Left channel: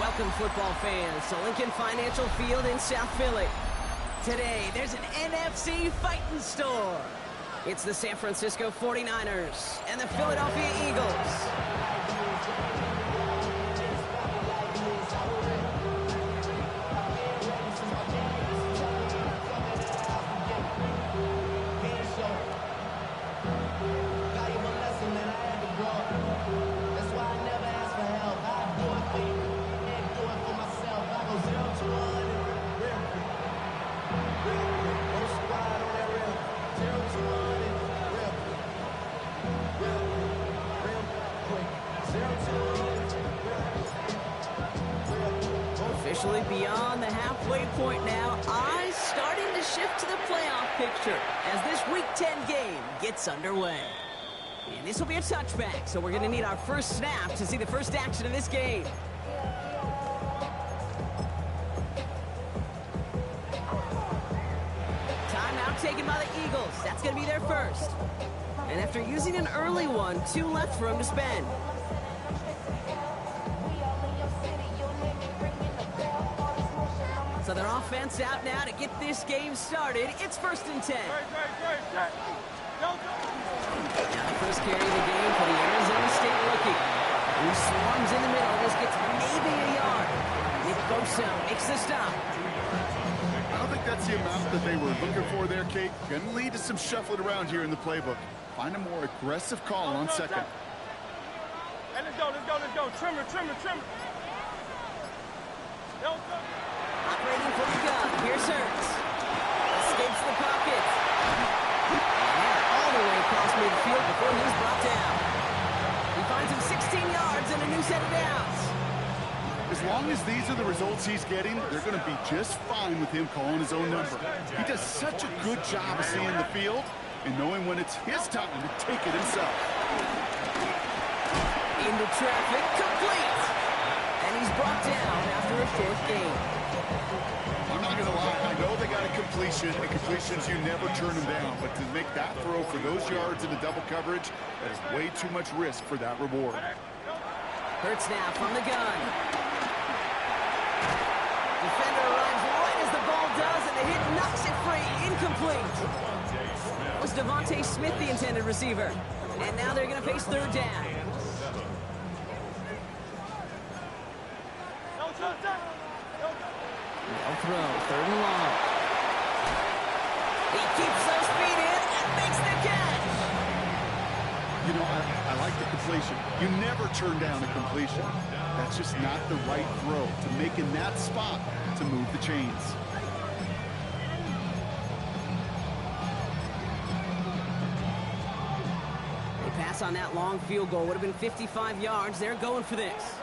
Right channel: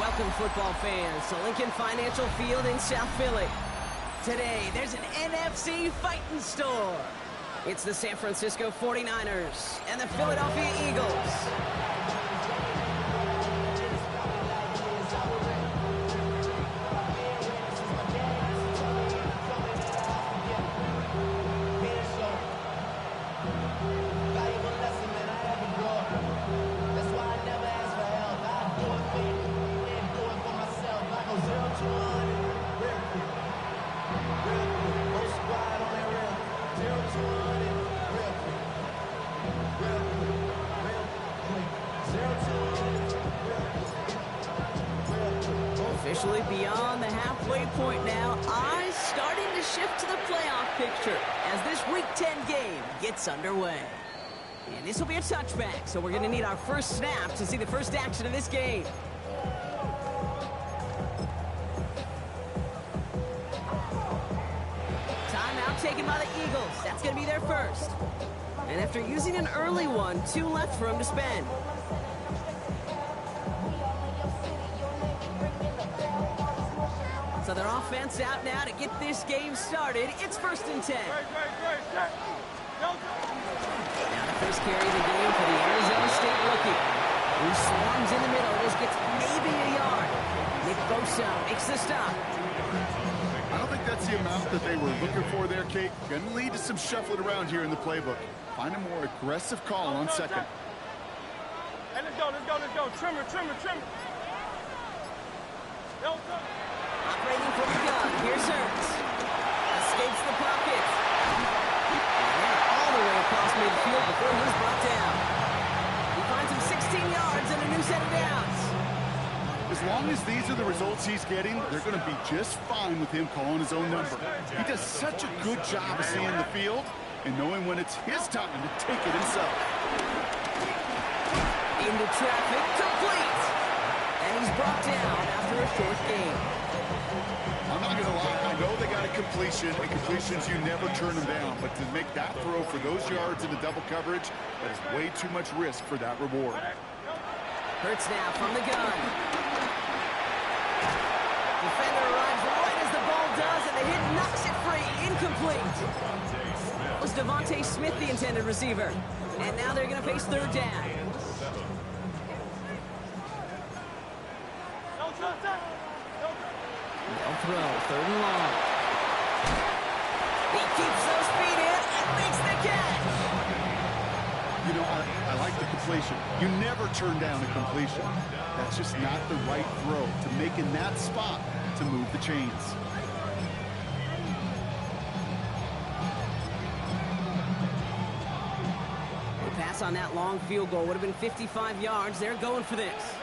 Welcome, football fans, to Lincoln Financial Field in South Philly. Today, there's an NFC fighting store. It's the San Francisco 49ers and the Philadelphia Eagles. Officially beyond the halfway point now, eyes starting to shift to the playoff picture as this Week 10 game gets underway. And this will be a touchback, so we're going to need our first snap to see the first action of this game. Timeout taken by the Eagles. That's going to be their first. And after using an early one, 2 left for them to spend. So their offense out now to get this game started. It's 1st and 10. Now the first carry of the game for the Arizona State rookie, who swarms in the middle. Just gets maybe a yard. Nick Bosa makes the stop. I don't think that's the amount that they were looking for there, Kate. Going to lead to some shuffling around here in the playbook. Find a more aggressive call on second. Hey, let's go. Trimmer. Operating from the gun. Here's Hurts. Escapes the pocket. And they're all the way across midfield before he's brought down. He finds him 16 yards and a new set of downs. As long as these are the results he's getting, they're going to be just fine with him calling his own number. He does such a good job of seeing the field and knowing when it's his time to take it himself. Into traffic, complete. And he's brought down after a short gain. I'm not going to lie, I know they got a completion, and completions, you never turn them down. But to make that throw for those yards into double coverage, that is way too much risk for that reward. Hurts now from the gun. Defender arrives right as the ball does, and the hit knocks it free. Incomplete. It was Devontae Smith, the intended receiver. And now they're going to face 3rd down. They'll throw, 3rd and long. He keeps those feet in and makes the catch. You know, I like the completion. You never turn down a completion. That's just not the right throw to make in that spot to move the chains. They pass on that long field goal. Would have been 55 yards. They're going for this.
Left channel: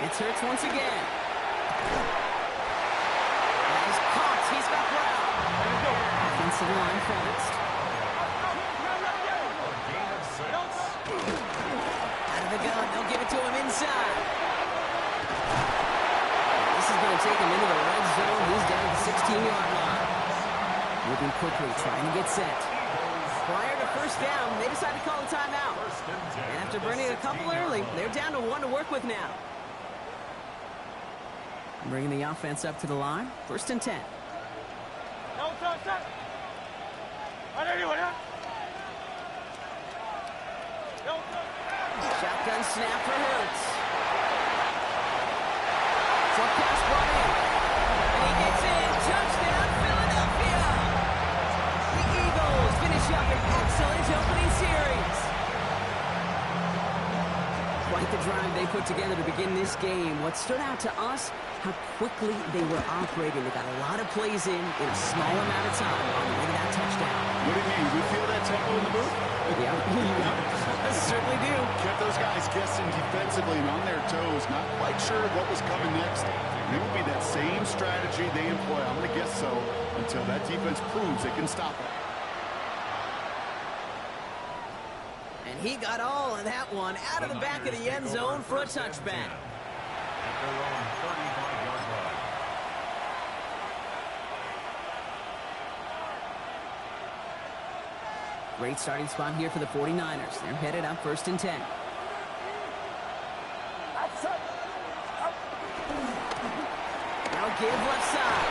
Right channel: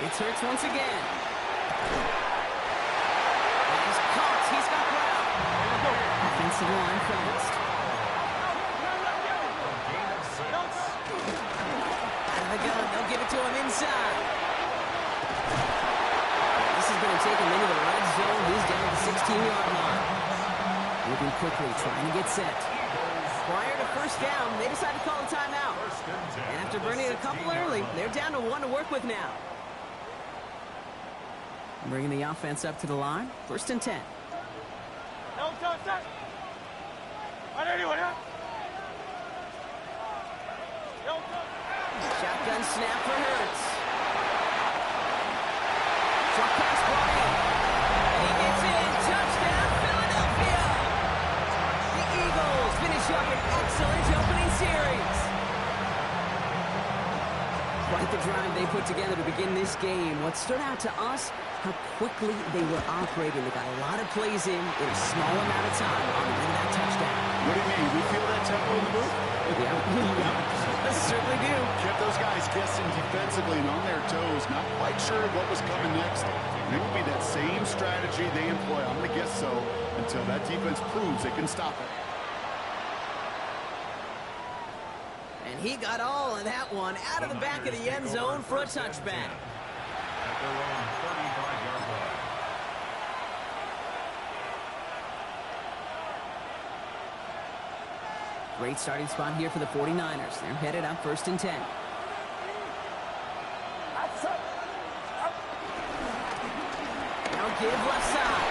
It's Hurts once again. He's caught. He's got ground. Offensive line fast. Out of the gun. They'll give it to him inside. This is going to take him into the red zone. He's down at the 16-yard line. Moving quickly, trying to get set. Prior to 1st down, they decide to call a timeout. And after burning a couple early, they're down to 1 to work with now. Bringing the offense up to the line. 1st and 10. Shotgun snap for Hurts. Short pass brought in. And he gets in. Touchdown, Philadelphia! The Eagles finish up an excellent opening series. Quite the drive they put together to begin this game. What stood out to us, how quickly they were operating. They got a lot of plays in a small amount of time on the way to that touchdown. What do you mean? We feel that tempo in the booth? Yeah, I certainly do. Kept those guys guessing defensively and on their toes, not quite sure what was coming next. And it will be that same strategy they employ, I'm going to guess so, until that defense proves they can stop it. And he got all of that one out of the back of the end zone for a touchback. At their own 35-yard line. Great starting spot here for the 49ers. They're headed up 1st and 10. Now give left side.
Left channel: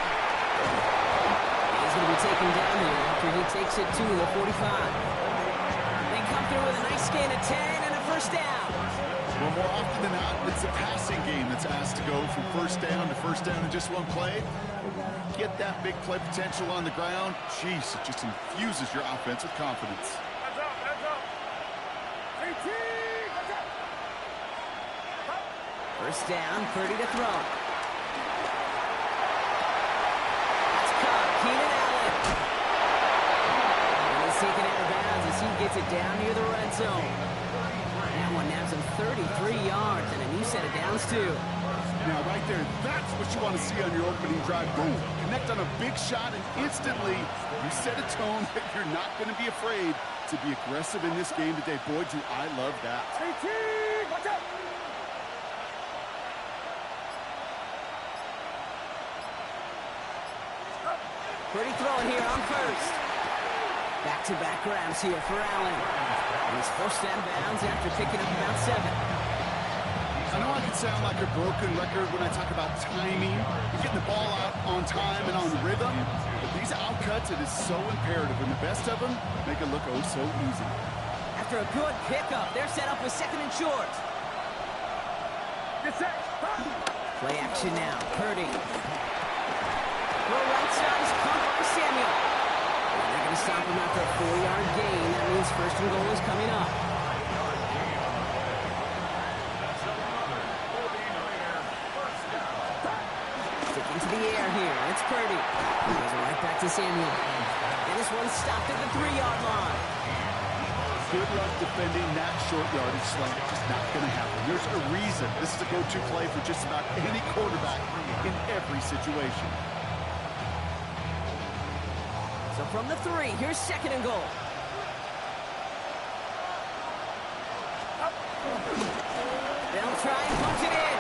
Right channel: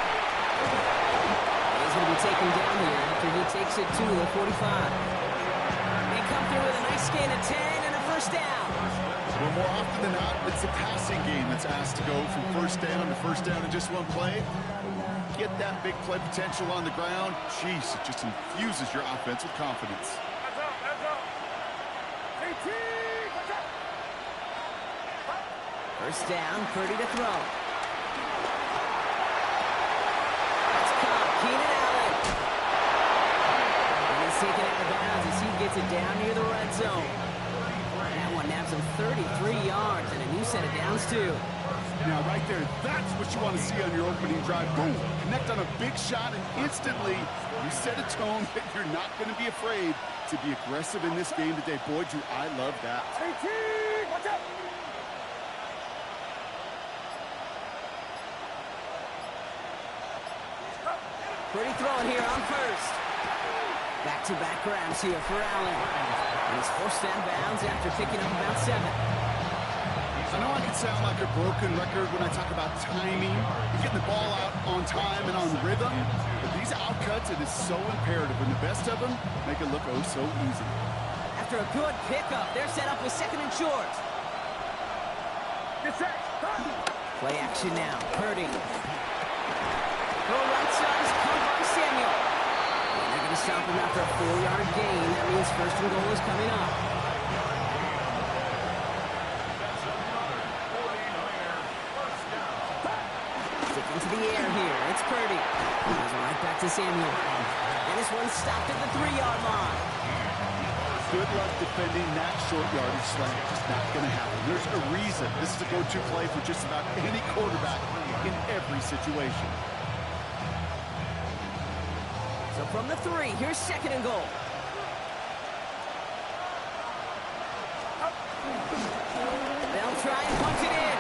He's going to be taken down here after he takes it to the 45. They come through with a nice gain of 10 and a 1st down. Well, more often than not, it's the passing game that's asked to go from 1st down to 1st down in just one play. But when you get that big play potential on the ground, jeez, it just infuses your offense with confidence. Heads up, heads up. AT, heads up. 1st down, Purdy to throw. That's caught, Keenan Allen. And he's taken out of bounds as he gets it down near the red zone. That one nabs him 33 yards and a new set of downs, too. Now, right there, that's what you want to see on your opening drive. Boom! Connect on a big shot, and instantly you set a tone that you're not going to be afraid to be aggressive in this game today. Boy, do I love that. AT, watch out. Pretty throwing here on 1st. Back-to-back grabs here for Allen. And he's forced out of bounds after picking up about 7. I know I can sound like a broken record when I talk about timing and getting the ball out on time and on rhythm, but these outcuts, it is so imperative, and the best of them make it look oh so easy. After a good pickup, they're set up with 2nd and short. Get set. Play action now. Purdy. Throw right side is caught by Samuel. And they're going to stop him after a 4-yard gain. That means 1st and goal is coming up. Sticking to the air here. It's Purdy. He goes right back to Samuel. And this one's stopped at the 3-yard line. Good luck defending that short yardage slant. Just not going to happen. There's a reason this is a go-to play for just about any quarterback in every situation. So from the 3, here's 2nd and goal. They'll try and punch it in.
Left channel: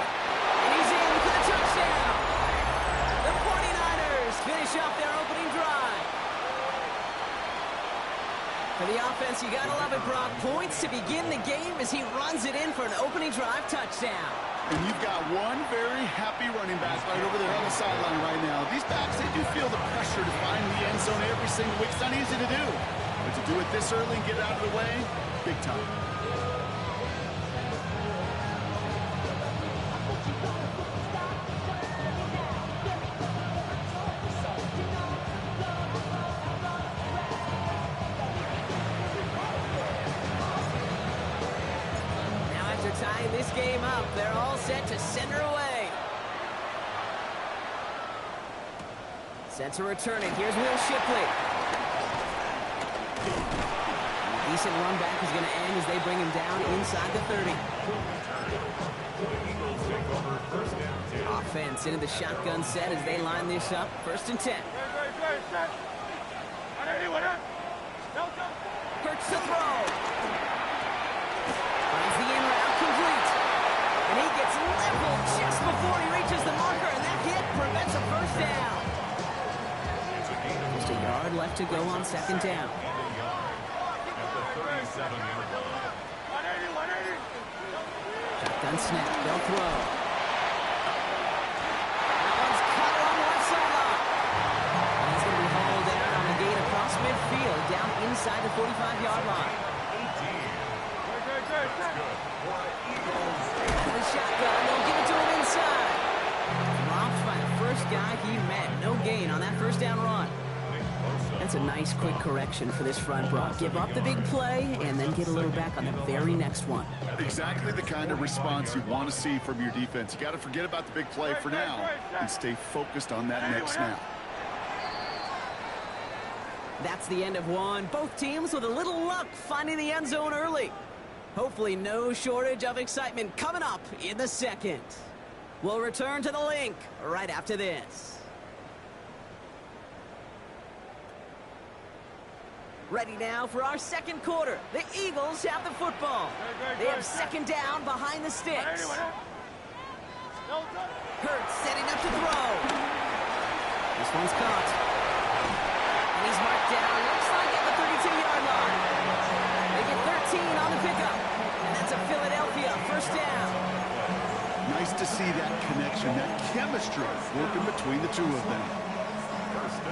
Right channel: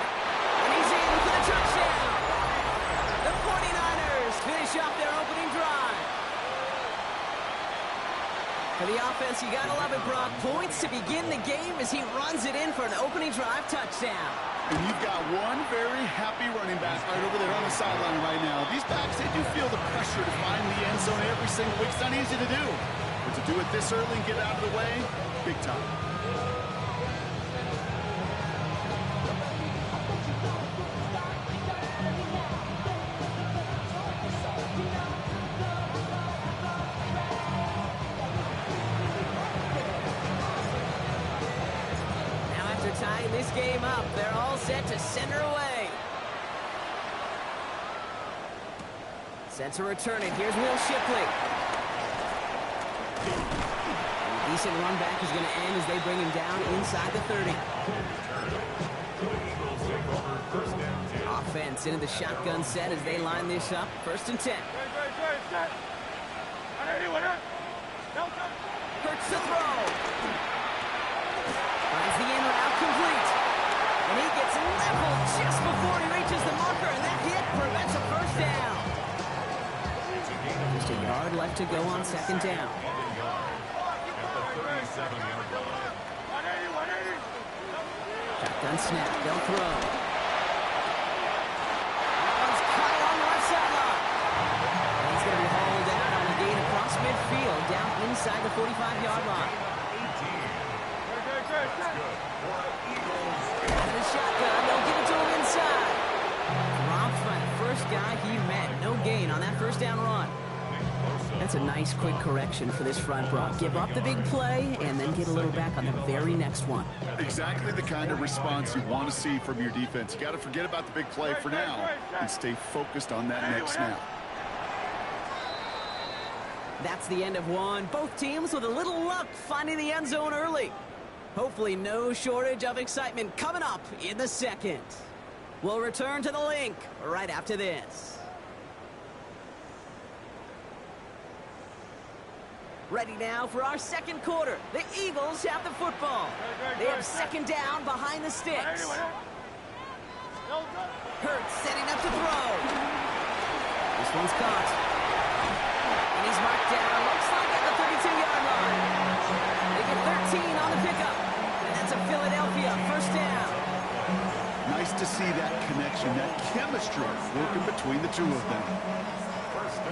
And he's in for the touchdown. The 49ers finish off their opening drive. For the offense, you gotta love it, Brock. Points to begin the game as he runs it in for an opening drive touchdown. And you've got one very happy running back right over there on the sideline right now. These backs, they do feel the pressure to find the end zone every single week. It's not easy to do. But to do it this early and get out of the way, big time. Tying this game up, they're all set to center away. Set to return it. Here's Will Shipley. And a decent run back is going to end as they bring him down inside the 30. Offense into the shotgun set as they line this up. 1st and 10. Hurts the throw. Finds the in route complete. And he gets leveled just before he reaches the marker, and that hit prevents a 1st down. Just a yard left to go on 2nd down. Shotgun snap. They'll throw. That one's cut along the left sideline. And he's going to be hauled out on a gain across midfield down inside the 45-yard line. Out of the shotgun, they'll give it to him inside. Dropped by the first guy he met. No gain on that 1st down run. That's a nice quick correction for this front, Brock. Give up the big play and then get a little back on the very next one. Exactly the kind of response you want to see from your defense. You got to forget about the big play for now and stay focused on that next snap. That's the end of one. Both teams with a little luck finding the end zone early. Hopefully no shortage of excitement coming up in the 2nd. We'll return to the link right after this. Ready now for our 2nd quarter. The Eagles have the football. They have 2nd down behind the sticks. Hurts setting up to throw. This one's caught. And he's marked down, looks like at the 32-yard line. get 13 on the pickup. And that's a Philadelphia first down. Nice to see that connection, that chemistry working between the two of them.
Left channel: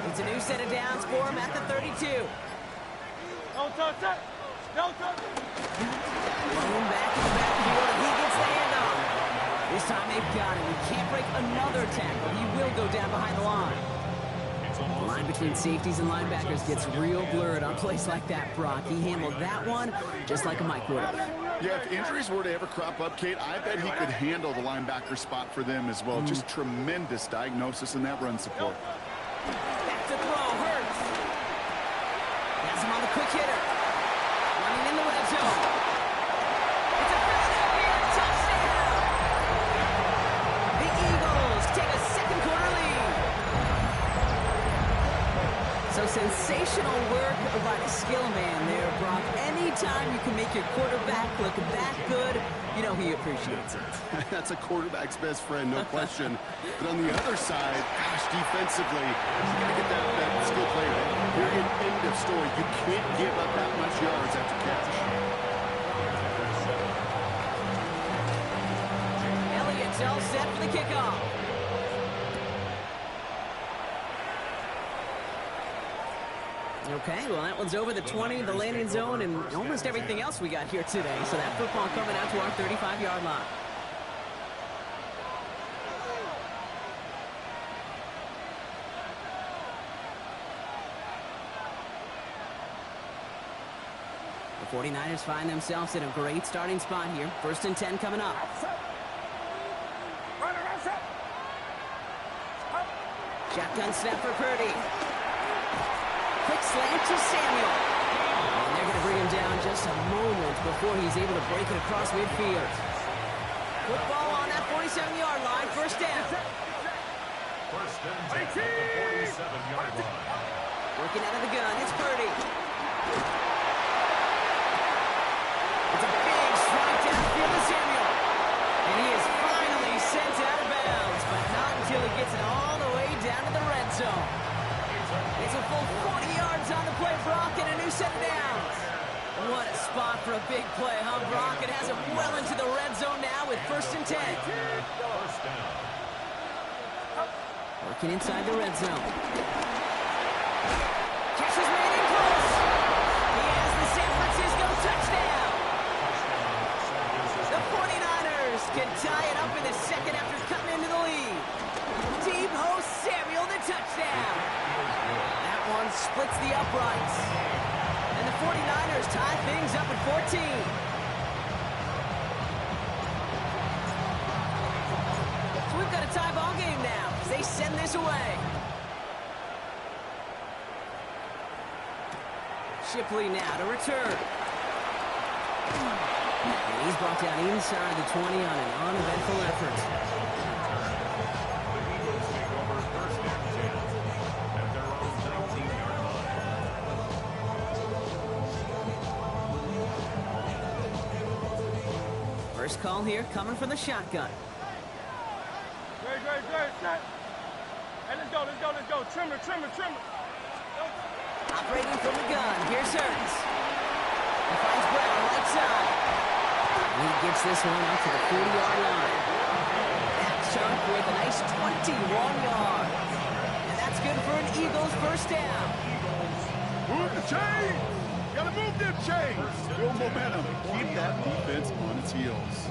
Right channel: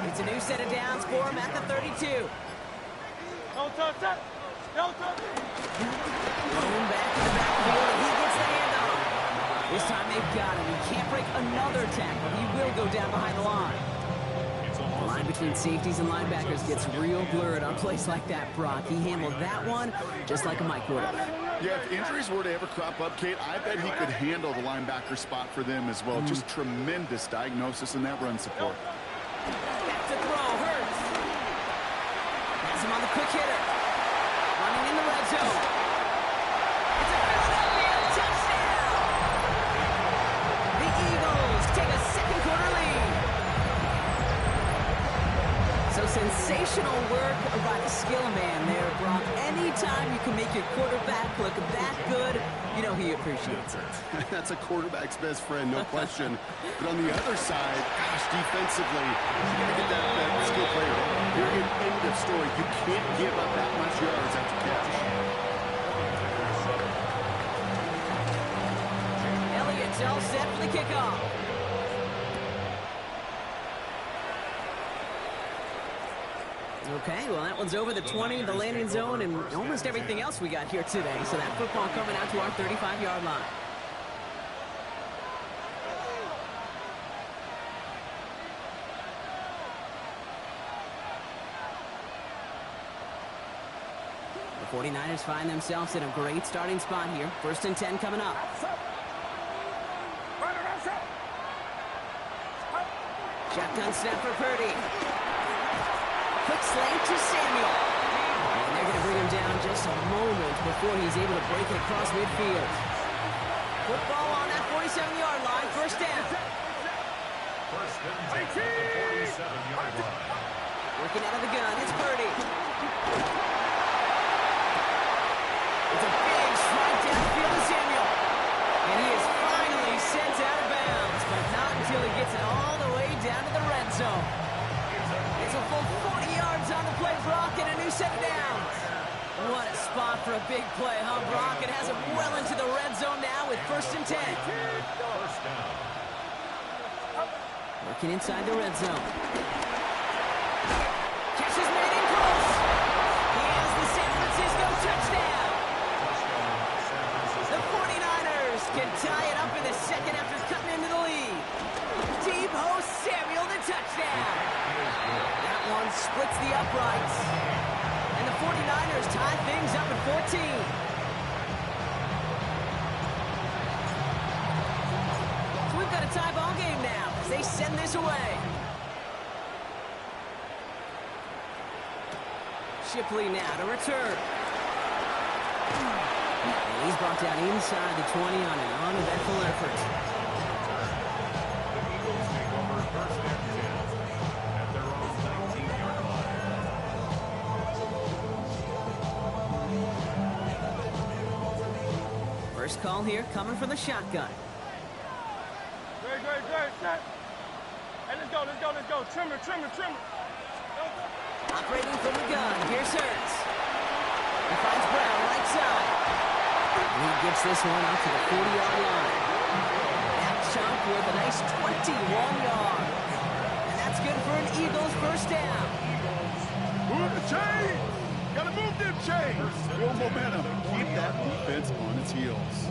It's a new set of downs for him at the 32. Don't touch it. Don't touch it. Thrown back in the backfield, and he gets the handoff. This time they've got him. He can't break another tackle. He will go down behind the line. The line between safeties and linebackers gets real blurred on plays like that, Brock. He handled that one just like a Mike would have. Yeah, if injuries were to ever crop up, Kate, I bet he could handle the linebacker spot for them as well. Just tremendous diagnosis in that run support. Back to throw, Hurts. Has him on the quick hitter. Running in the red zone. It's a Philadelphia touchdown! The Eagles take a second quarter lead. So sensational work by the skill man there, Brock. Anytime you can make your quarterback look that good, you know he appreciates it. That's a quarterback's best friend, no question. But on the other side, gosh, defensively, you got to get that skill player in. Period, end of story. You can't give up that much yards after catch. Elliott's all set for the kickoff. Okay, well, that one's over the 20, the landing zone, and almost everything else we got here today. So that football coming out to our 35-yard line. The 49ers find themselves in a great starting spot here. 1st and 10 coming up. Shotgun snap for Purdy. Quick slant to Samuel. And they're going to bring him down just a moment before he's able to break it across midfield. Football on that 47-yard line. First down. First and 10 at the 47-yard line. Working out of the gun. It's Purdy. It's a big strike downfield to Samuel. And he is finally sent out of bounds, but not until he gets it all the way down to the red zone. It's a full 40 yards on the play, Brock, and a new set of downs. What a spot for a big play, huh, Brock? It has him well into the red zone now with 1st and 10. First down. Working inside the red zone. Catch is made in close. He has the San Francisco touchdown. The 49ers can tie it up in the second after cutting into the lead. Deep host Samuel, the touchdown. That one splits the uprights. And the 49ers tie things up at 14. So we've got a tie ball game now as they send this away. Shipley now to return. And he's brought down inside the 20 on an uneventful effort. The Eagles take over 1st and 10 at their own 19-yard line. First call here coming from the shotgun. Great. Set. Hey, let's go. Trimmer. Operating from the gun. Here's Hurts. He finds Brown right side. And he gets this one out to the 40-yard line. That chunk worth a nice 21 yards. And that's good for an Eagles first down. Move the chain! Gotta move them chains! Build momentum. Keep that defense on its heels.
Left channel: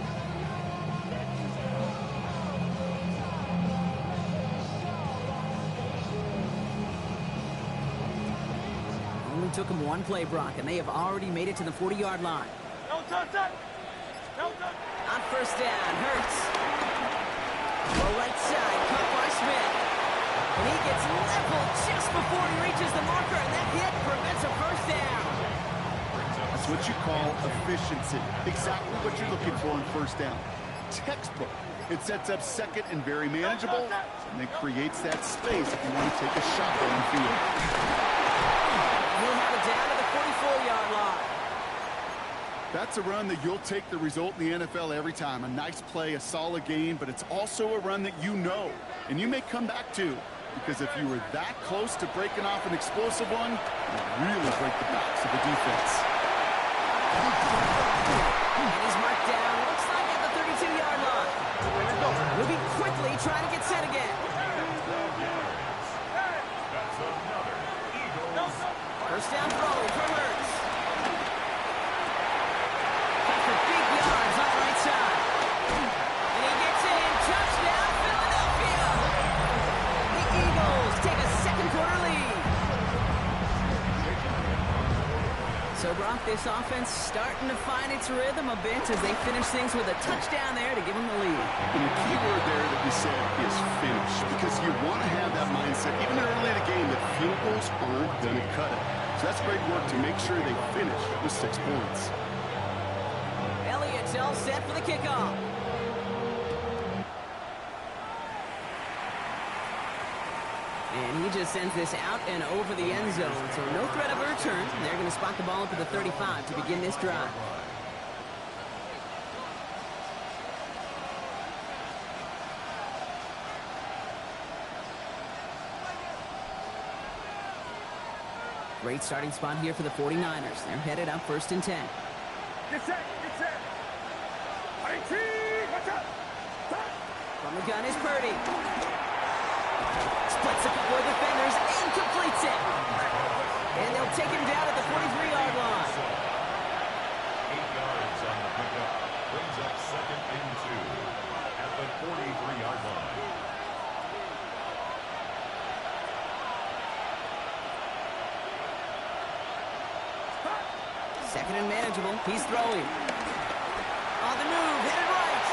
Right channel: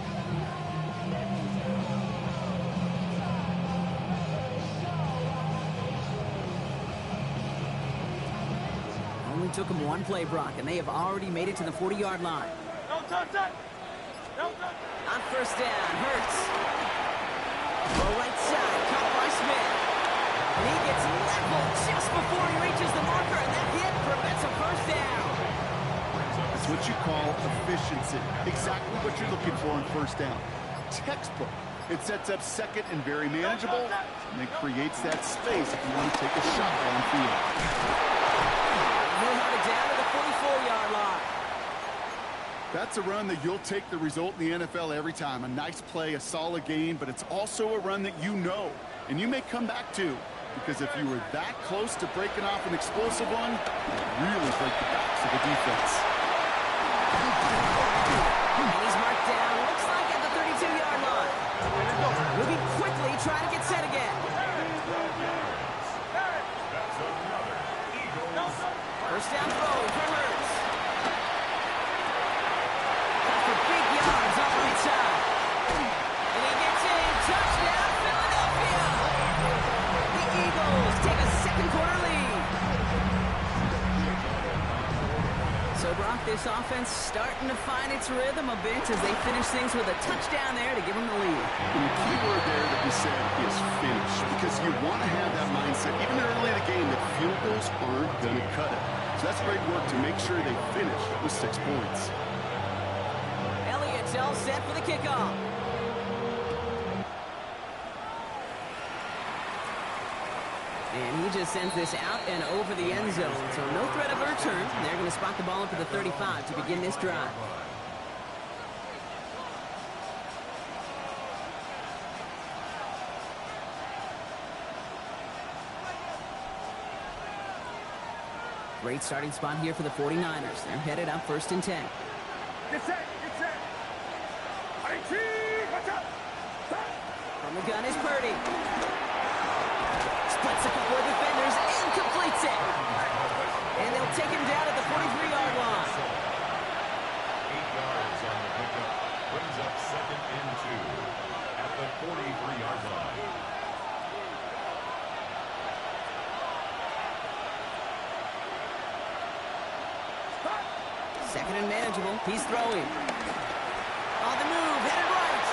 Only took him one play, Brock, and they have already made it to the 40-yard line. Don't touch it. On first down, Hurts. Low right side, caught by Smith. And he gets leveled just before he reaches the marker, and that hit prevents a first down. That's what you call efficiency. Exactly what you're looking for in first down. Textbook. It sets up second and very manageable, and then creates that space if you want to take a shot downfield. He'll have it down to the 44-yard line. That's a run that you'll take the result in the NFL every time. A nice play, a solid game, but it's also a run that you know, and you may come back to, because if you were that close to breaking off an explosive one, it'll really break the backs of the defense. And he's marked down, looks like at the 32-yard line. Moving quickly, trying to get set again. That's another Eagles. First down throw from Hurts. Got for big yards on the right side. And he gets in. Touchdown, Philadelphia. The Eagles take a second-quarter lead. So, Brock, this offense starting to find its rhythm a bit as they finish things with a touchdown there to give them the lead. And the key word there that you said is finish, because you want to have that mindset, even early in the game, that field goals aren't going to cut it. So that's great work to make sure they finish with 6 points. Elliott's all set for the kickoff. And he just sends this out and over the end zone. So no threat of a return. They're going to spot the ball up to the 35 to begin this drive. Great starting spot here for the 49ers. They're headed up 1st and 10. Get set, get set. 18, watch out. From the gun is Purdy. Splits a couple of defenders and completes it. And they'll take him down at the 43-yard line. 8 yards on the pickup. Brings up 2nd and 2 at the 43-yard line. Second and manageable. He's throwing. On the move, headed right.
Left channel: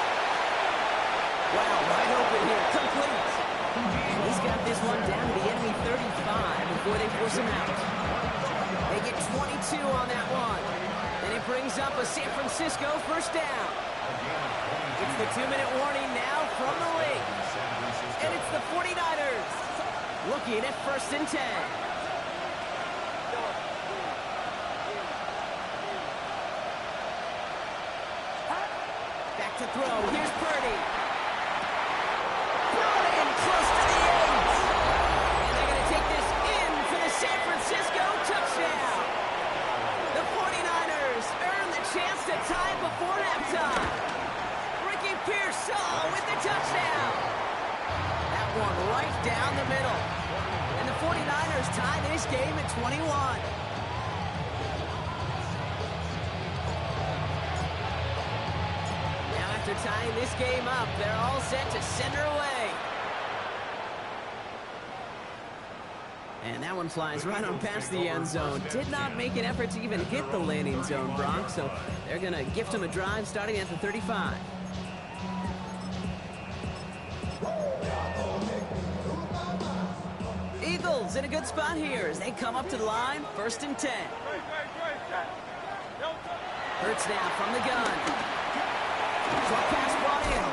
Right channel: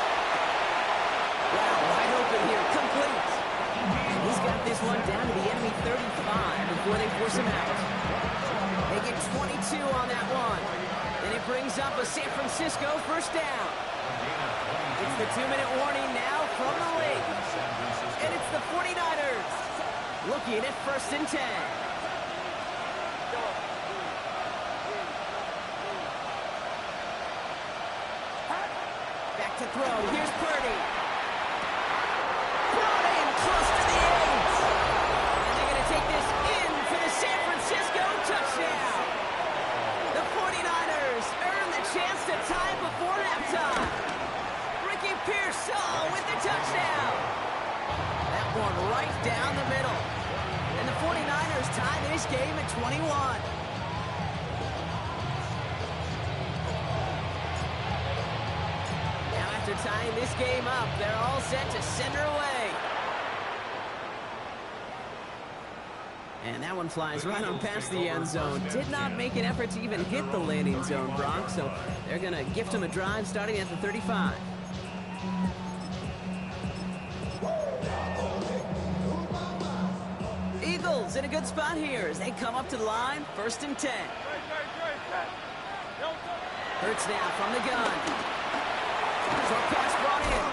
Wow, wide open here. Complete. And he's got this one down to the enemy 35 before they force him out. They get 22 on that one. And it brings up a San Francisco first down. It's the 2-minute warning now from the league. And it's the 49ers looking at 1st and 10. Back to throw. Here's Purdy. Brought in close to the 8. And they're going to take this in for the San Francisco touchdown. The 49ers earn the chance to tie before halftime. Ricky Pearsall with the touchdown. That one right down the middle. And the 49ers tie this game at 21. After tying this game up, they're all set to send her away. And that one flies right on past the end zone. Did not make an effort to even hit the landing zone, Brock, so they're going to gift him a drive starting at the 35. Eagles in a good spot here as they come up to the line, 1st and 10. Hurts now from the gun. Short pass brought in.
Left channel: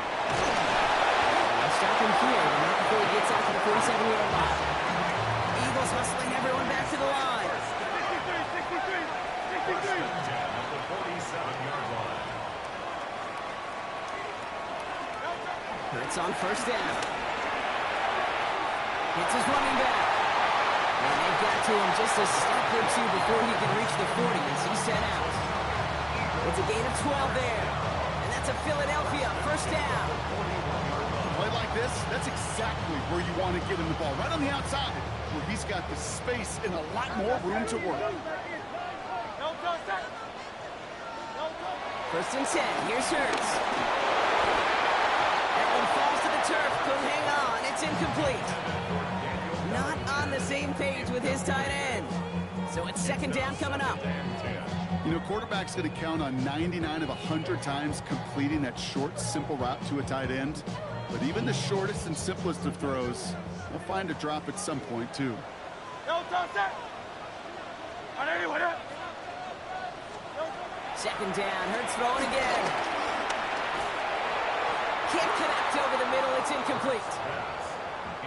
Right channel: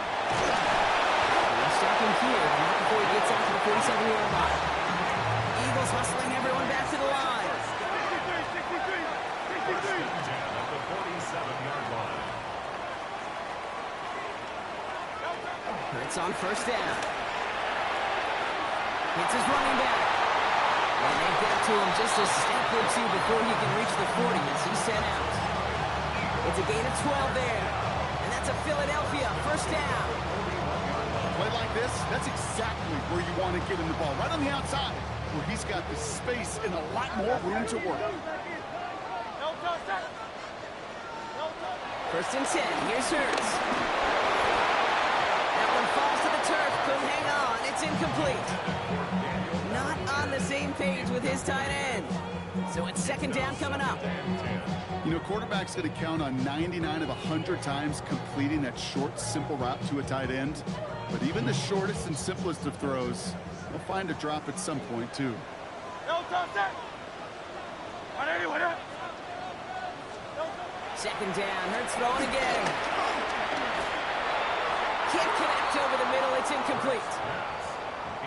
They'll stop him here, but not before he gets out to the 47-yard line. Eagles hustling everyone back to the line. 63. At the 47-yard line. Hurts on 1st down. Hits his running back. And they've got to him just a step or two before he can reach the 40 as he's sent out. It's a gain of 12 there. And that's a Philadelphia 1st down. A play like this, that's exactly where you want to get him the ball. Right on the outside, where he's got the space and a lot more room to work. 1st and 10. Here's Hurts. That one falls to the turf. Couldn't hang on. It's incomplete. Not on the same page with his tight end. So it's 2nd down coming up. You know, quarterback's going to count on 99 of 100 times completing that short, simple route to a tight end. But even the shortest and simplest of throws, they'll find a drop at some point, too. 2nd down. Hurts throwing again. Can't connect over the middle. It's incomplete.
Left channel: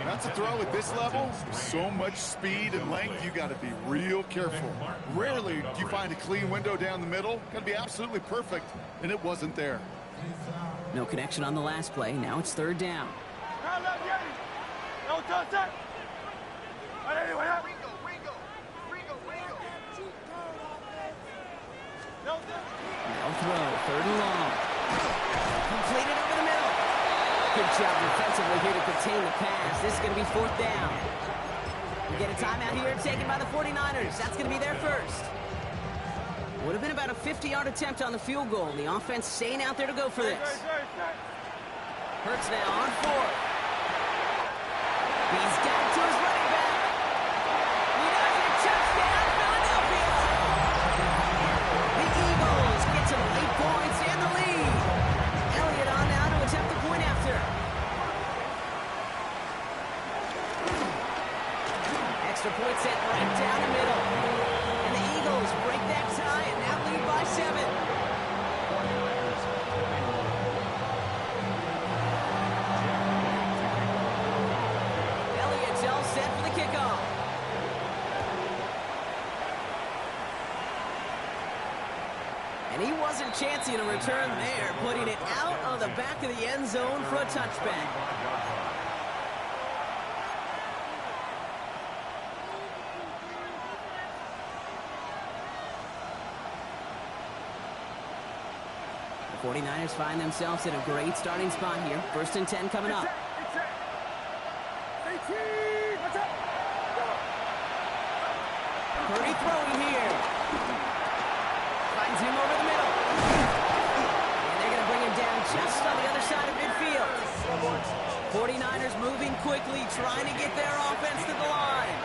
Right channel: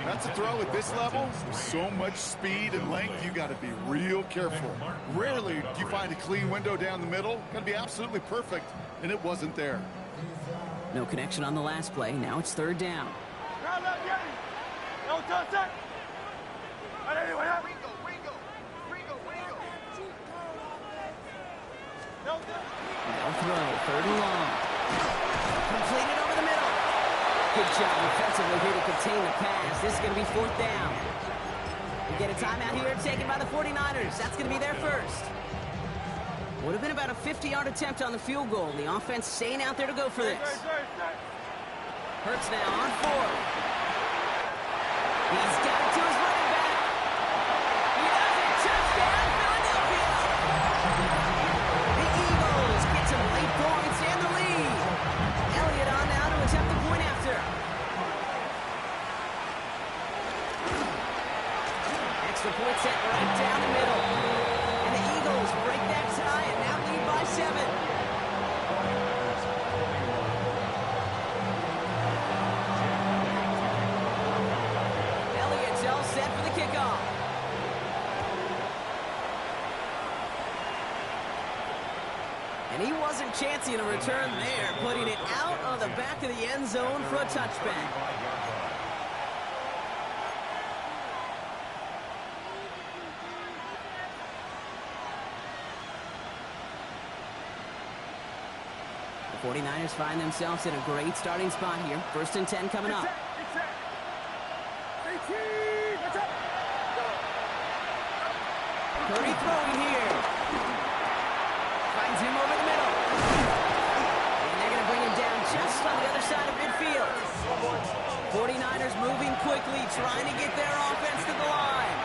That's a throw at this level. With so much speed and length, you got to be real careful. Rarely do you find a clean window down the middle. Got to be absolutely perfect, and it wasn't there. No connection on the last play. Now it's 3rd down. They'll throw. 3rd and long. Completed over the middle. Good job defensively here to contain the pass. This is going to be 4th down. We get a timeout here taken by the 49ers. That's going to be their first. Would have been about a 50-yard attempt on the field goal. The offense staying out there to go for this. Hurts now on 4th. He's got it to his running back. He does it. Touchdown, Philadelphia. The Eagles get some late points and the lead. Elliott on now to attempt the point after. Extra point set right down the middle. And the Eagles break that tie and now lead by 7. Elliott's all set for the kickoff. And he wasn't chancing a return there, putting it out on the back of the end zone for a touchback. The 49ers find themselves in a great starting spot here. 1st and 10 coming up. Purdy throwing here. Finds him over the middle. And they're going to bring him down just on the other side of midfield. 49ers moving quickly, trying to get their offense to the line.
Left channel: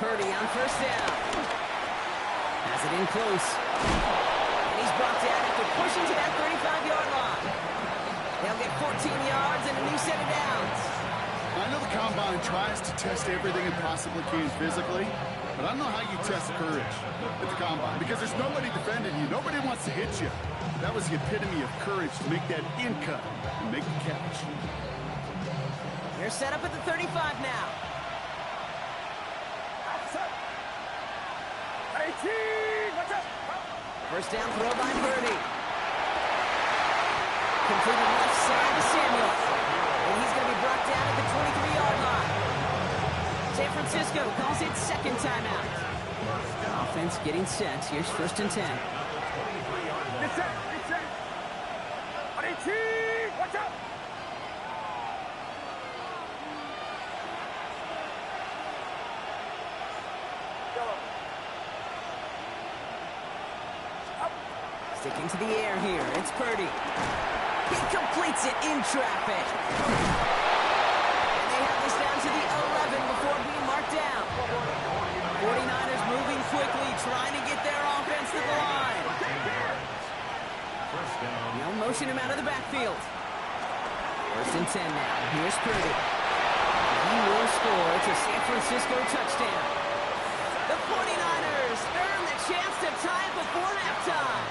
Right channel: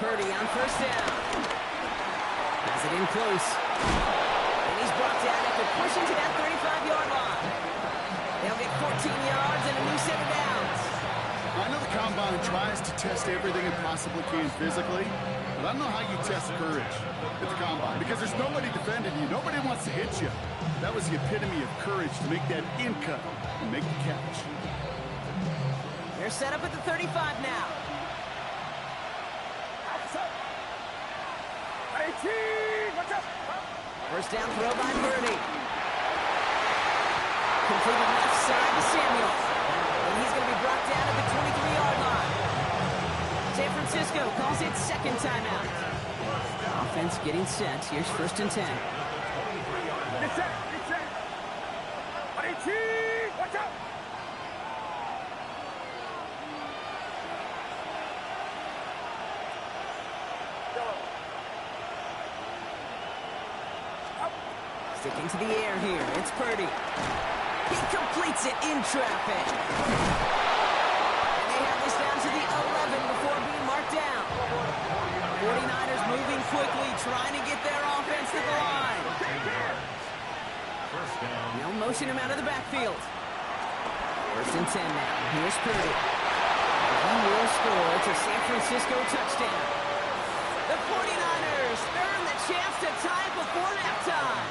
Purdy on 1st down. Has it in close. And he's brought down after pushing to that 35-yard line. They'll get 14 yards and a new set of downs. I know the Combine tries to test everything it possibly can physically, but I don't know how you test courage at the Combine because there's nobody defending you. Nobody wants to hit you. That was the epitome of courage to make that in cut and make the catch. They're set up at the 35 now. First down throw by Purdy. Completed left side to Samuel. And he's going to be brought down at the 23-yard line. San Francisco calls it 2nd timeout. Offense getting set. Here's 1st and 10. Get set. Watch out. Sticking to the air here. It's Purdy. He completes it in traffic. And they have this down to the 11 before being marked down. 49ers moving quickly, trying to get their offense to the line. They'll motion him out of the backfield. 1st and 10 now. Here's Purdy. He will score. It's a San Francisco touchdown. The 49ers earn the chance to tie it before halftime.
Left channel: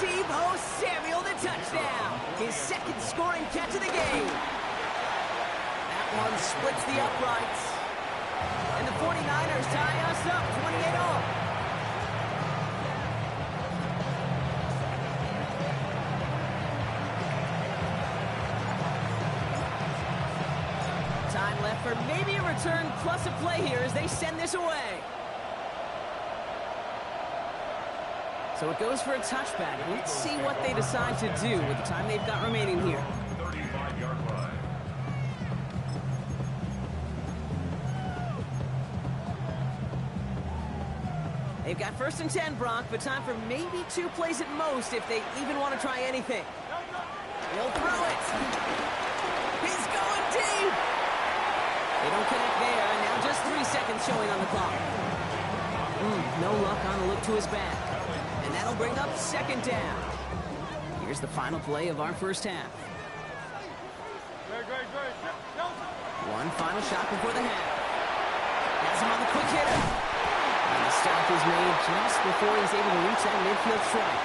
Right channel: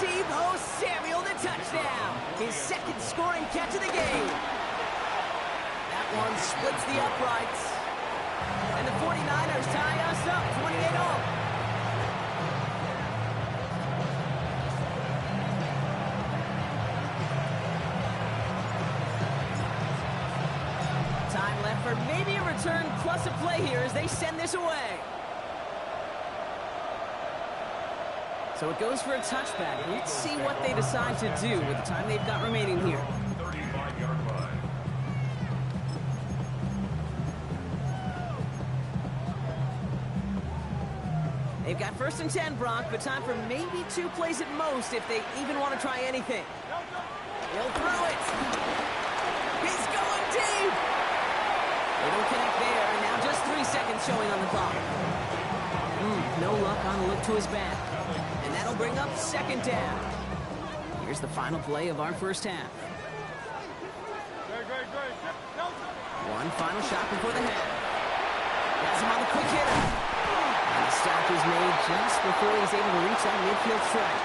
Deebo Samuel the touchdown. His 2nd scoring catch of the game. That one splits the uprights. And the 49ers tie us up 28-all. Time left for maybe a return plus a play here as they send this away. So it goes for a touchback. Let's see what they decide to do with the time they've got remaining here. 35-yard line. They've got 1st and 10, Brock, but time for maybe 2 plays at most if they even want to try anything. He'll throw it. He's going deep. They don't connect there, and now just 3 seconds showing on the clock. No luck on the look to his back. And that'll bring up 2nd down. Here's the final play of our first half. One final shot before the half. Has him on the quick hitter. And the stop is made just before he's able to reach that midfield strike.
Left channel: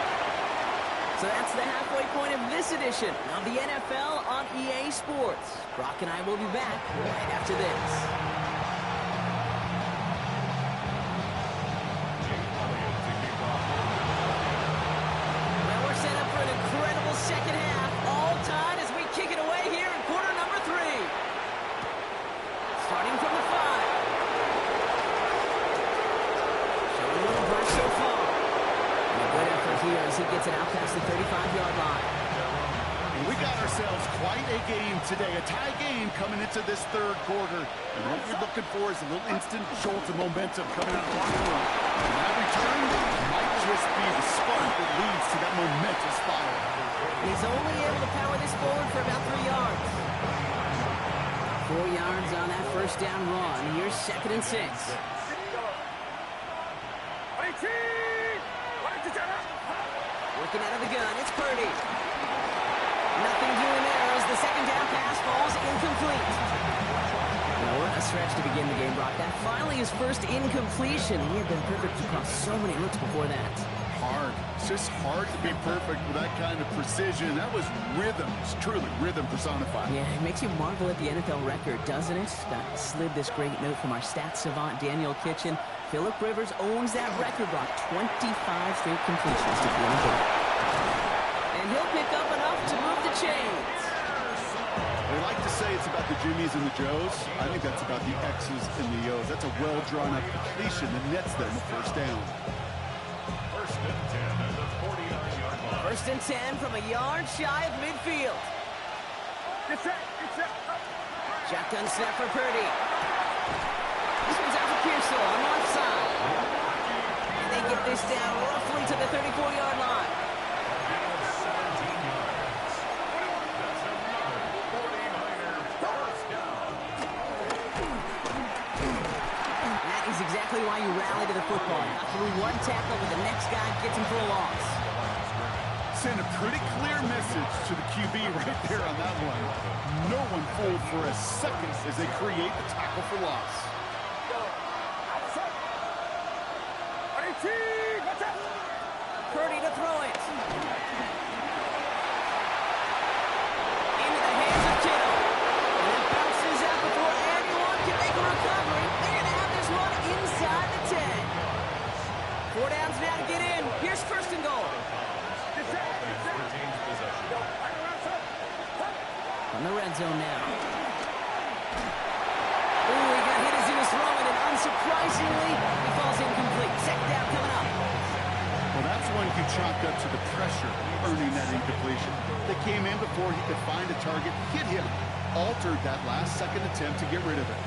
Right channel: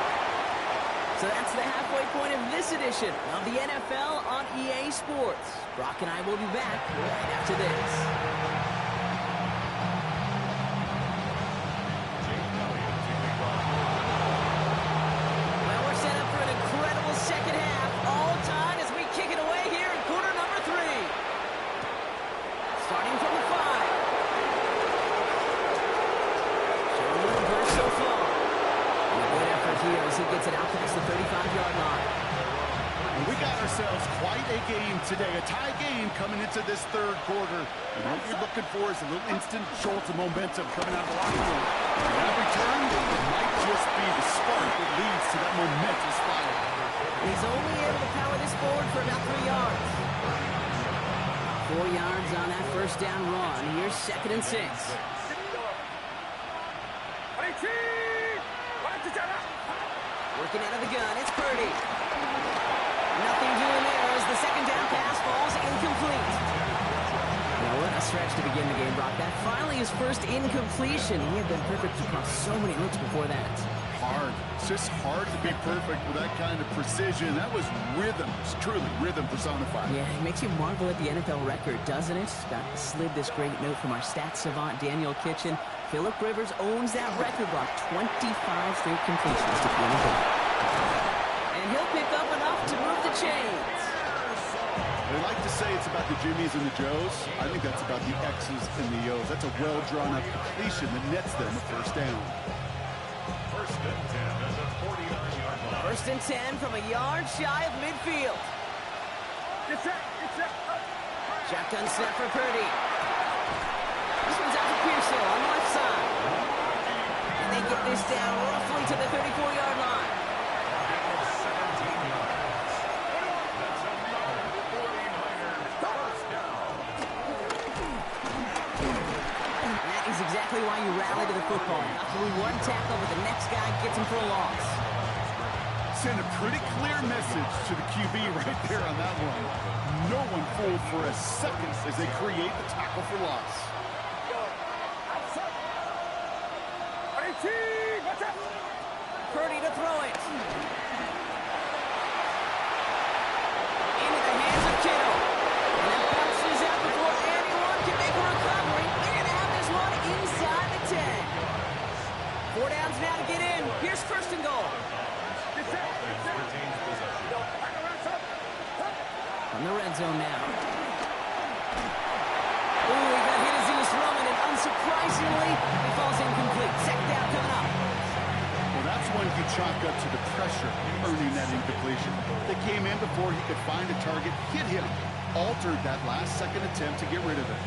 So that's the halfway point of this edition of the NFL on EA Sports. Brock and I will be back right after this. Set up for an incredible second half, all tied as we kick it away here in quarter number 3. Starting from the 5. Showing a little burst so far. And a good effort here as he gets it out past the 35-yard line. And we got ourselves quite a game today, a tie game coming into this third quarter. And what you're looking for is a little instant jolt of momentum coming out of the locker room. And that return might just be the spark that leads to that momentous fire. And he's only able to power this forward for about 3 yards. 4 yards on that first down run. Here's 2nd and 6. Working out of the gun, it's Purdy. Nothing doing there as the second down pass falls incomplete. Now, what a stretch to begin the game, Brock. That finally his first incompletion. He had been perfect across so many looks before that. Hard. It's just hard to be perfect with that kind of precision. That was rhythm. It's truly rhythm personified. Yeah, it makes you marvel at the NFL record, doesn't it? Slid this great note from our stats savant, Daniel Kitchen. Phillip Rivers owns that record, Brock. 25 straight completions to begin the game. And he'll pick up enough to move the chains. They like to say it's about the Jimmies and the Joes. I think that's about the X's and the O's. That's a well-drawn-up completion that nets them a first down. 1st and 10 at the 49-yard line. 1st and 10 from a yard shy of midfield. Shotgun snap for Purdy. This one's out for Pearsall on the left side. And they get this down roughly to the 34-yard line. A gain of 17 yards. That's another 49er first down. And that is exactly why you rally to the football. Not through one tackle, but the next guy gets him for a loss. Send a pretty clear message to the QB right there on that one. No one fooled for a second as they create the tackle for loss. Purdy to throw it. Into the hands of Kittle. And that bounces out before anyone can make a recovery. They're going to have this one inside the 10. 4 downs now to get in. Here's 1st and goal. Retains possession. From the red zone now. Ooh, he got hit as he was throwing, and unsurprisingly, he falls incomplete. 2nd down coming up. Well, that's one you chalk up to the pressure earning that incompletion. They came in before he could find a target, hit him, altered that last-second attempt to get rid of it.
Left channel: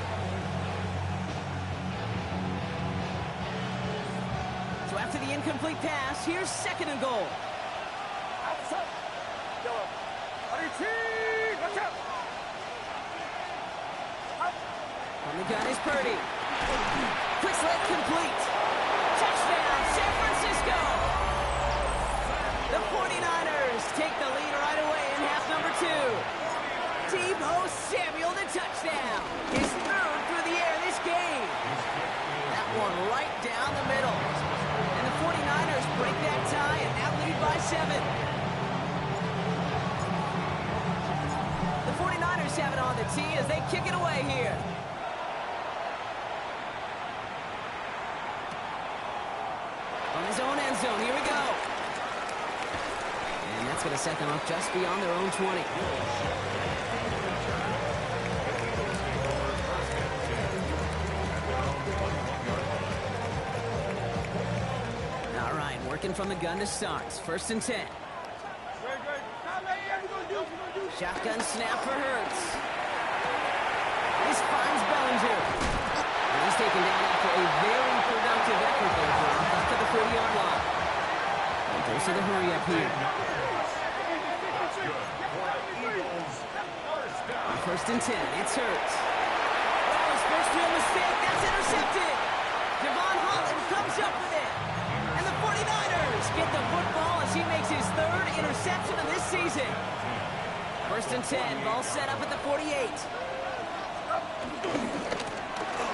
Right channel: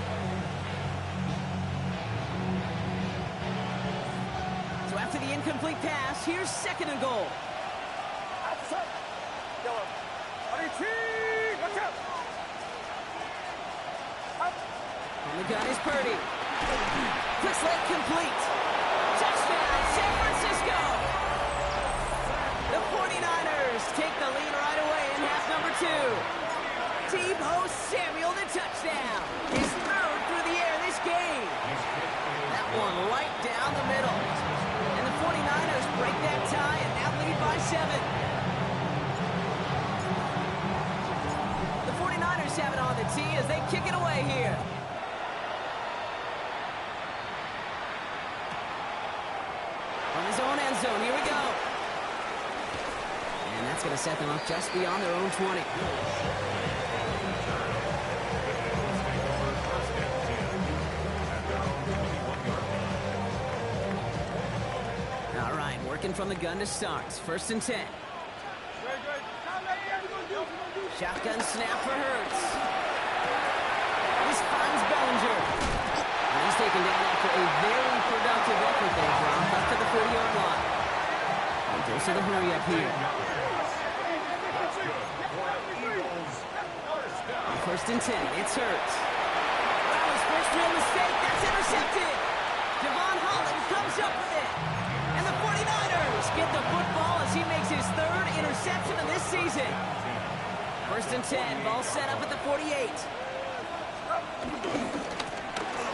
So after the incomplete pass, here's 2nd and goal. On the gun is Purdy. Quick slant complete. Touchdown, San Francisco. The 49ers take the lead right away in half number 2. Deebo Samuel, the touchdown. His 3rd through the air this game. That one right down the middle. And the 49ers break that tie and now lead by 7. The 49ers have it on the tee as they kick it away here. From his own end zone, here we go. And that's going to set them up just beyond their own 20. All right, working from the gun to start. 1st and 10. Shotgun snap for Hurts. This finds Bellinger. And he's taken down after a very productive effort there, Brock, up to the 40-yard line. And there's the hurry up here. On 1st and 10, it's Hurts. Well, his first real mistake, that's intercepted. Devon Holland comes up with it. And the 49ers get the football as he makes his 3rd interception of this season. 1st and 10, ball set up at the 48.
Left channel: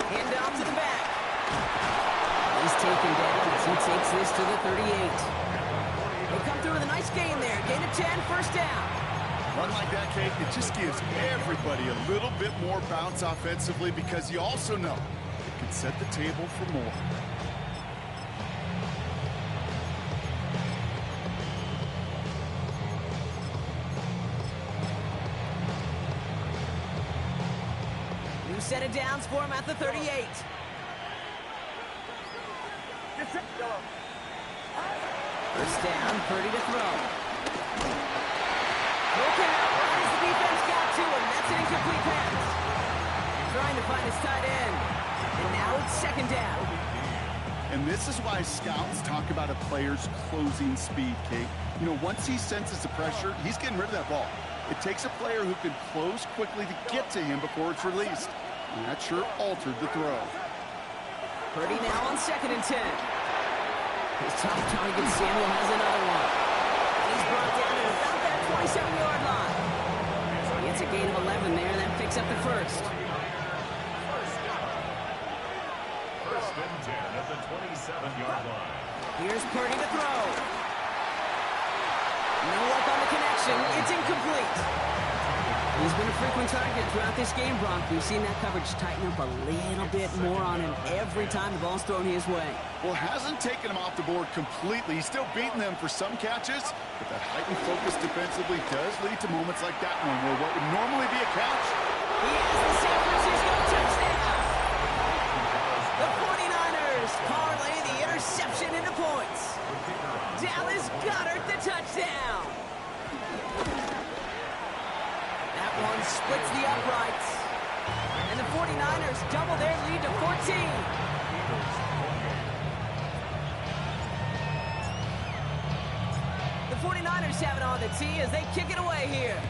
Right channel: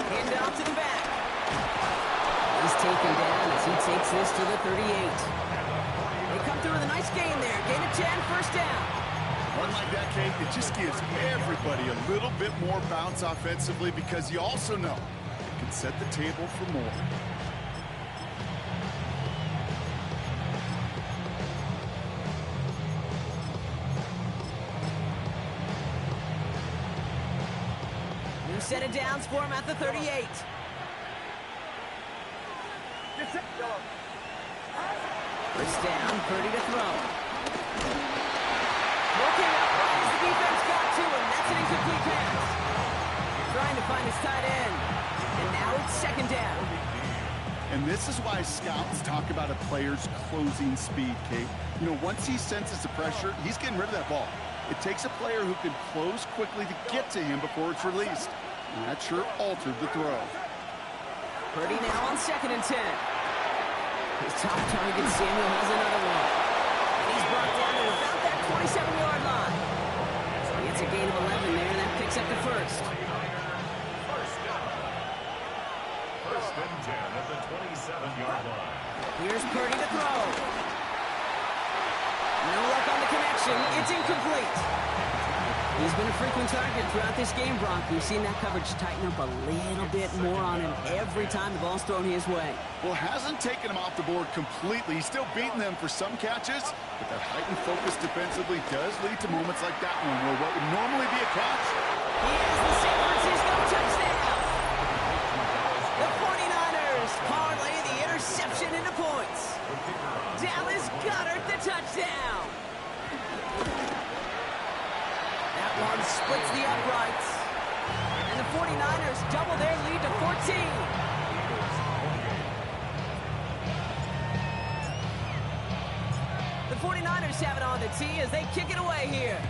Hand off to the back. He's taken down as he takes this to the 38. They come through with a nice gain there. Gain of 10, 1st down. Run like that, Kate, it just gives everybody a little bit more bounce offensively because you also know it can set the table for more. New set of downs for him at the 38. First down, Purdy to throw. Throw came out right as the defense got to him. That's an incomplete pass. Trying to find his tight end. And now it's second down. And this is why scouts talk about a player's closing speed, Kate. You know, once he senses the pressure, he's getting rid of that ball. It takes a player who can close quickly to get to him before it's released. And that sure altered the throw. Purdy now on 2nd and 10. His top target, Samuel, has another one. And he's brought down at about that 27-yard line. He gets a gain of 11 there, and that picks up the first. First and 10 at the 27-yard line. Here's Purdy to throw. No luck on the connection. It's incomplete. He's been a frequent target throughout this game, Brock. We've seen that coverage tighten up a little bit more on him every time the ball's thrown his way. Well, hasn't taken him off the board completely. He's still beating them for some catches, but that heightened focus defensively does lead to moments like that one where what would normally be a catch. He has the San Francisco touchdown. The 49ers parlay the interception into points. Dallas Goedert the touchdown. That one splits the uprights. And the 49ers double their lead to 14. The 49ers have it on the tee as they kick it away here.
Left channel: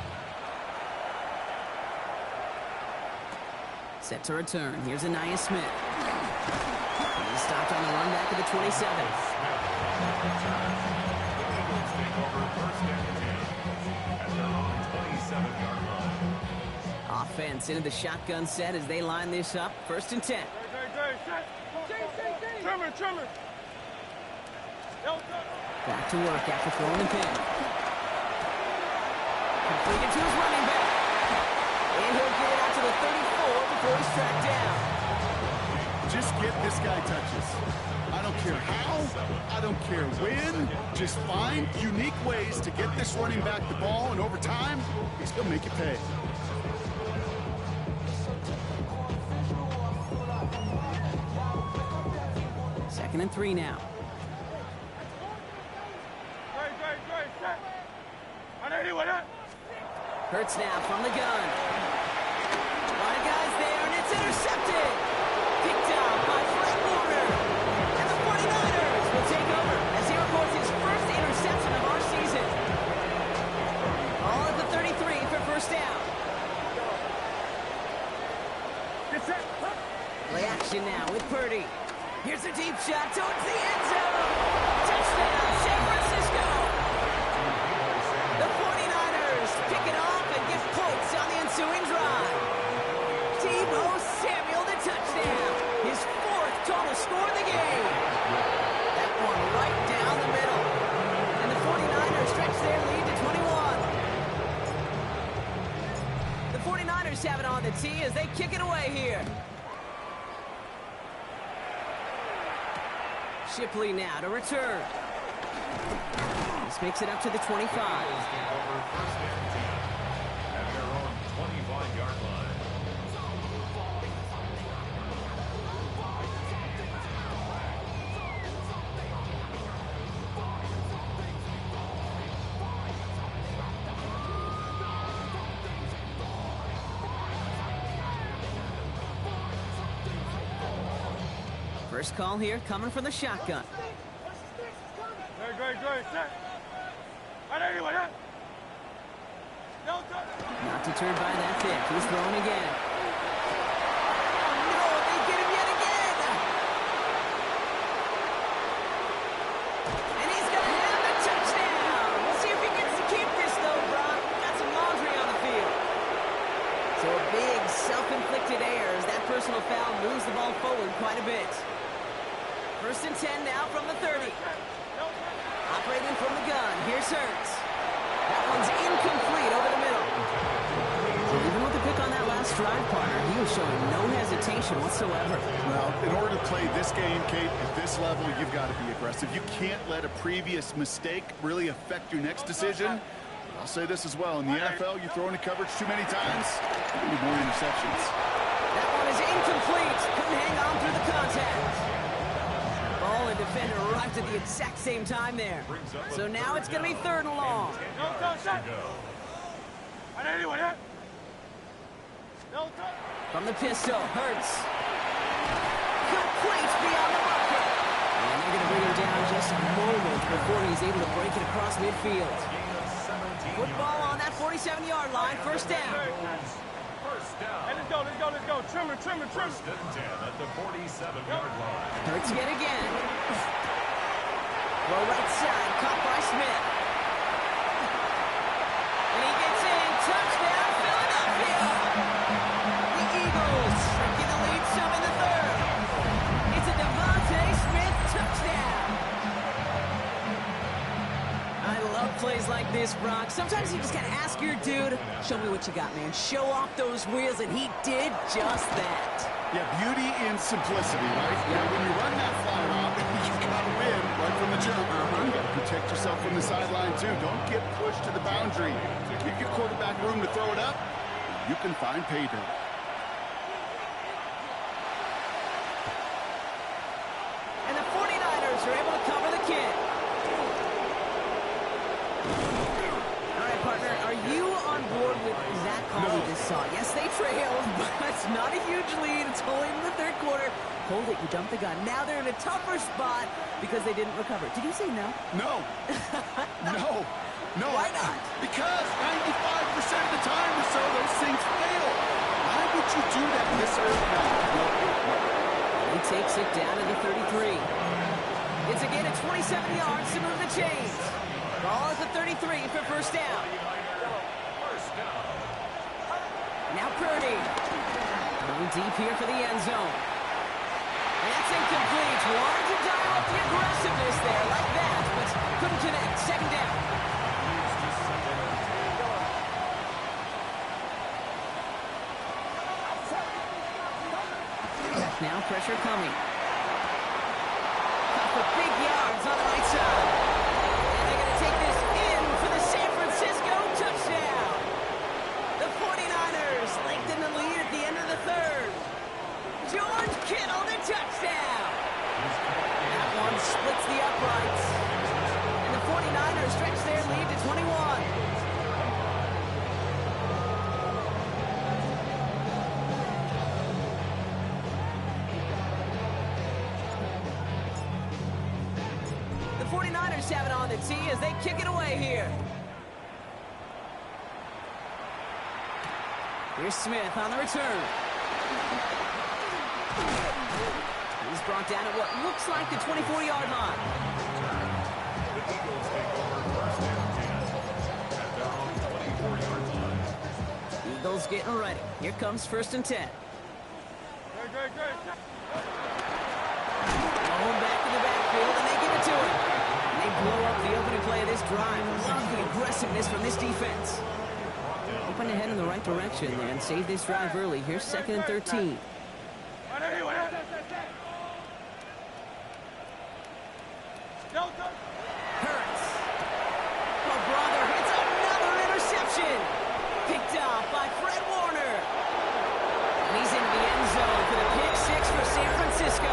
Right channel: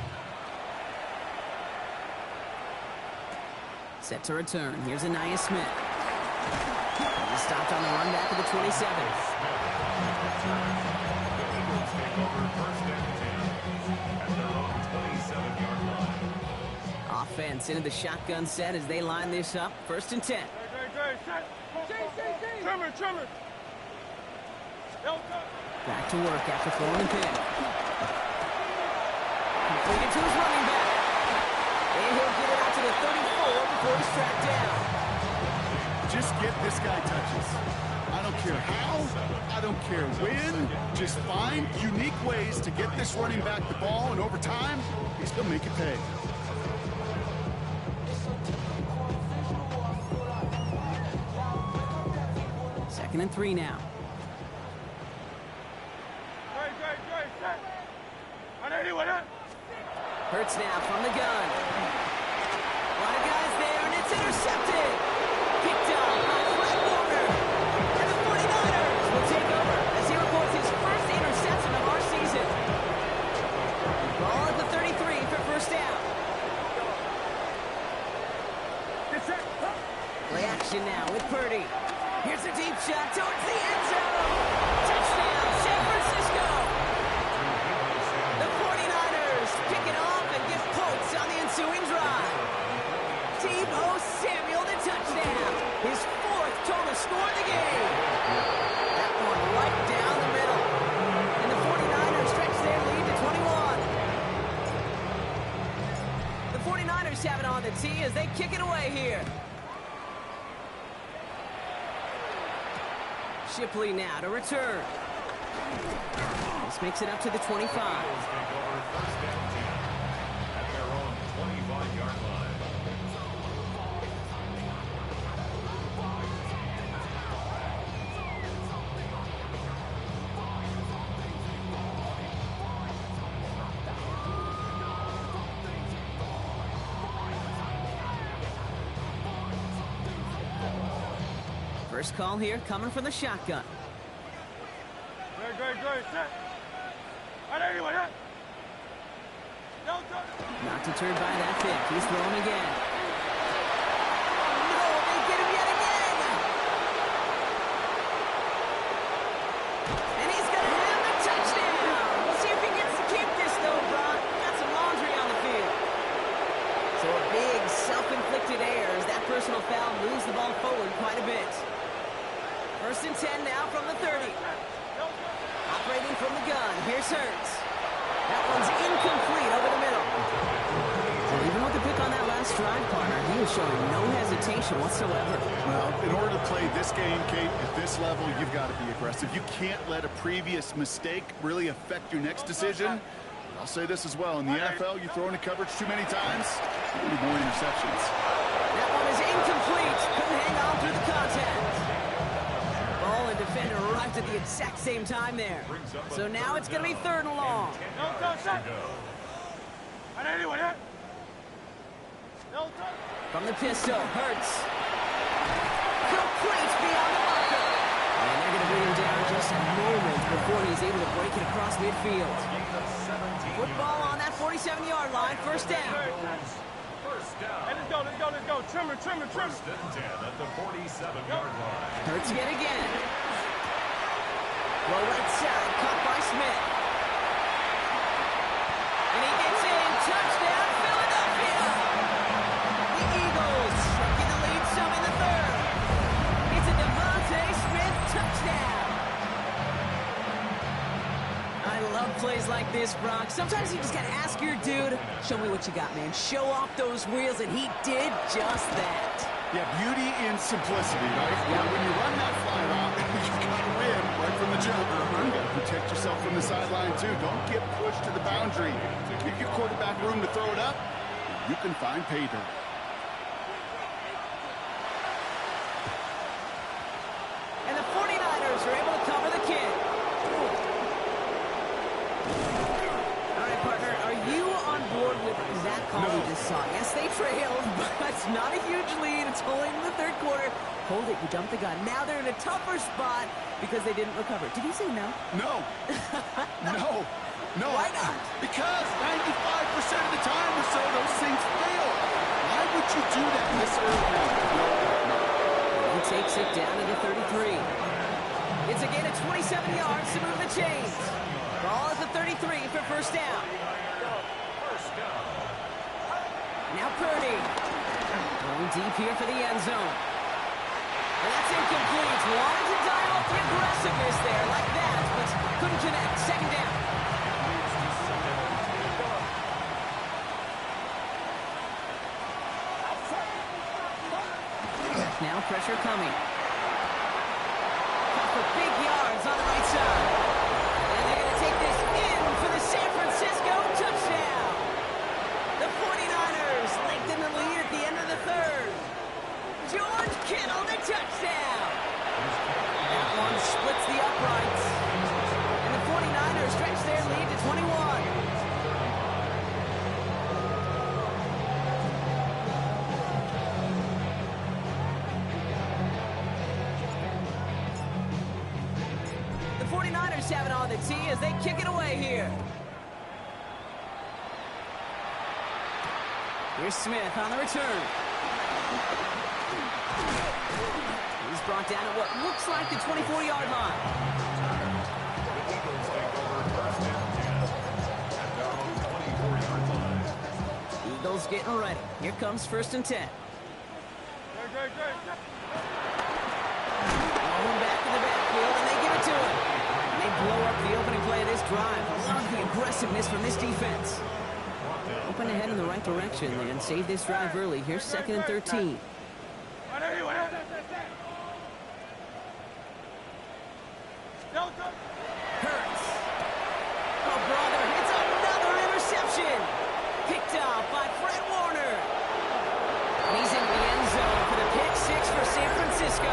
Set to return. Here's Anaya Smith. He's stopped on the run back of the 27. The Eagles take over first and 10 at their own 27-yard line. Offense into the shotgun set as they line this up. 1st and 10. Trimmer. Back to work after throwing the pin. Completed to his running back. And he'll get it out to the 34 before he's tracked down. Just get this guy touches. I don't care how, I don't care when. Just find unique ways to get this running back the ball, and over time, he's going to make it pay. Second and 3 now. Hurts now from the gun. A lot of guys there, and it's intercepted. Picked up by Fred Warner. And the 49ers will take over as he records his first interception of our season. Ball at the 33 for first down. Play action now with Purdy. Here's a deep shot towards the end zone. Touchdown, San Francisco. The 49ers pick it off and get points on the ensuing drive. Deebo Samuel the touchdown. His 4th total score of the game. That one right down the middle. And the 49ers stretch their lead to 21. The 49ers have it on the tee as they kick it away here. Shipley now to return. This makes it up to the 25. Eagles take over first and 10 at their own 25-yard line. First call here coming from the shotgun. Not deterred by that pick. He's throwing again. Oh, no, they get him yet again. And he's going to have the touchdown. We'll see if he gets to keep this, though, Brock. Got some laundry on the field. So a big self-inflicted error as that personal foul moves the ball forward quite a bit. 1st and 10 now from the 30. Operating from the gun. Here's Hurts. That one's incomplete over the middle. So even with the pick on that last drive, partner, he was showing no hesitation whatsoever. Well, in order to play this game, Kate, at this level, you've got to be aggressive. You can't let a previous mistake really affect your next decision. I'll say this as well. In the NFL, you throw into coverage too many times, you need more interceptions. That one is incomplete. Couldn't hang on through the contact. Ball and defender arrived at the exact same time there. So now it's going to be 3rd and long. From the pistol, Hurts. Complete beyond the marker. And they're going to bring him down just a moment before he's able to break it across midfield. Football on that 47-yard line, 1st down. Hey, let's go. Trimmer. 1st and 10 at the 47-yard line. Hurts yet again. Throw right side, caught by Smith. And he gets in. Touchdown, Philadelphia! The Eagles shrinking the lead some in the 3rd. It's a Devontae Smith touchdown. I love plays like this, Brock. Sometimes you just gotta ask your dude, show me what you got, man. Show off those wheels, and he did just that. Yeah, beauty in simplicity, right? Yeah. When you run that fly route, you gotta win right from the jump. You gotta protect yourself from the sideline, too. Don't get pushed to the boundary. Give your quarterback room to throw it up, you can find pay dirt. And the 49ers are able to cover the kick. All right, partner, are you on board with that call we just saw? Yes, they trailed, but it's not a huge lead. It's only in the 3rd quarter. Hold it, you jumped the gun. Now they're in a tougher spot because they didn't recover. Did you say no? No. No. Why not? Because 95% of the time or so, those things fail. Why would you do that this early? No. He takes it down to the 33. It's again at 27 yards to move the chains. Ball at the 33 for 1st down. Now Purdy. Going deep here for the end zone. And that's incomplete. Wanted to dial up the aggressiveness there like that, but couldn't connect. 2nd down. Now pressure coming. Cut for big yards on the right side. And they're going to take this in for the San Francisco touchdown. The 49ers lengthen the lead at the end of the 3rd. George Kittle, the touchdown. That one splits the uprights. And the 49ers stretch their lead to 21. The 49ers have it on the tee as they kick it away here. Here's Smith on the return. He's brought down at what looks like the 24-yard line. The Eagles take over 1st and 10 at their own 24-yard line. Eagles getting ready. Here comes 1st and 10. Great. Going back in the backfield, and they give it to him. And they blow up the opening play of this drive. Love the aggressiveness from this defense. Open ahead in the right direction and save this drive early. Here's 2nd and 13. Hurts. Oh, brother, it's another interception. Picked off by Fred Warner. And he's into the end zone for the pick 6 for San Francisco.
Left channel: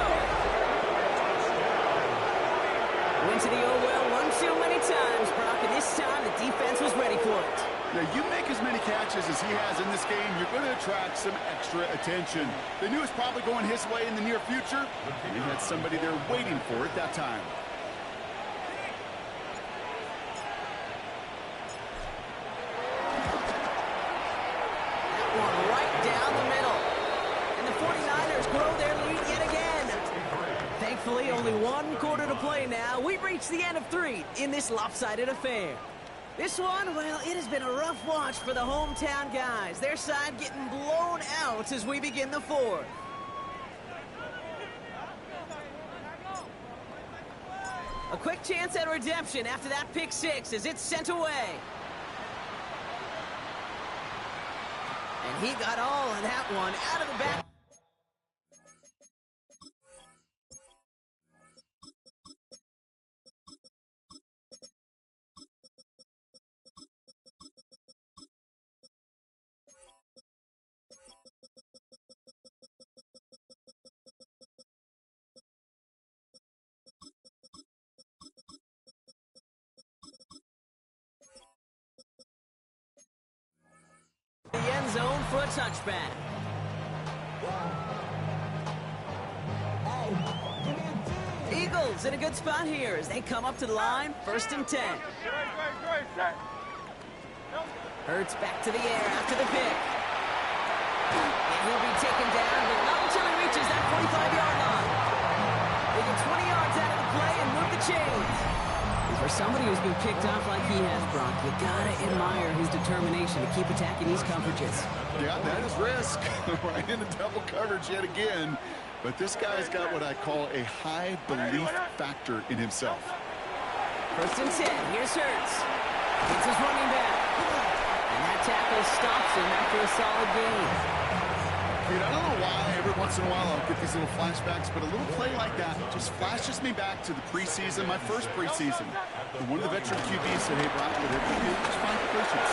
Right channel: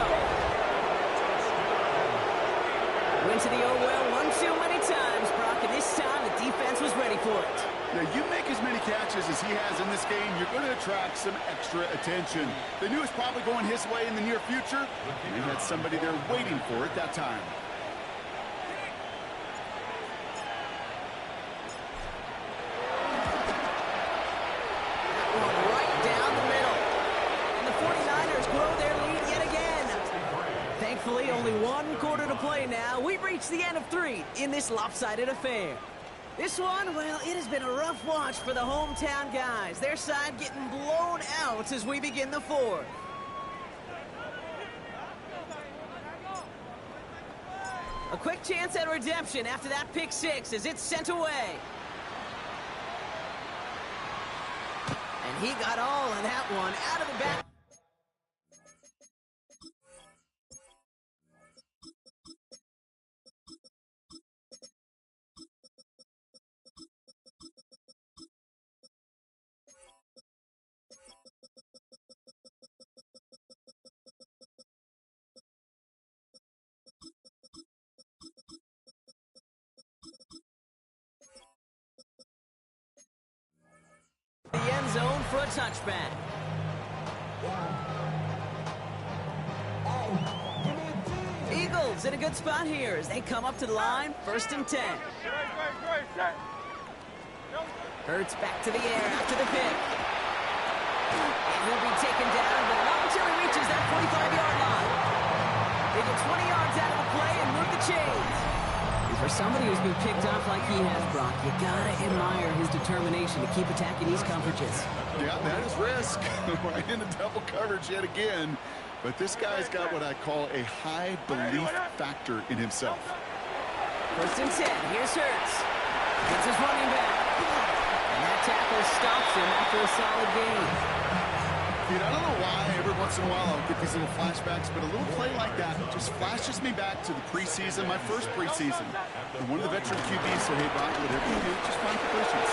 Went to the oh well one too many times, Brock, and this time the defense was ready for it. Now, you make as many catches as he has in this game, you're going to attract some extra attention. They knew it was probably going his way in the near future, and he had somebody there waiting for it that time. That one right down the middle. And the 49ers grow their lead yet again. Thankfully, only 1 quarter to play now. We've reached the end of 3 in this lopsided affair. This one, well, it has been a rough watch for the hometown guys. Their side getting blown out as we begin the 4th. A quick chance at redemption after that pick 6 as it's sent away. And he got all of that one out of the back. zone for a touchback. Eagles in a good spot here as they come up to the line, 1st and 10. Hurts back to the air after the pick. And he'll be taken down, but not until he reaches that 45-yard line. They get 20 yards out of the play and move the chains. And for somebody who's been picked off like he has, Brock, you gotta admire his determination to keep attacking these coverages. Yeah, that is risk. Right into double coverage yet again. But this guy's got what I call a high belief factor in himself. 1st and 10. Here's Hurts. It's his running back. And that tackle stops him after a solid gain. Dude, I don't know why every once in a while I'll get these little flashbacks, but a little play like that just flashes me back to the preseason, my first preseason. And one of the veteran QBs said, hey, Brock, whatever you do, just find completions.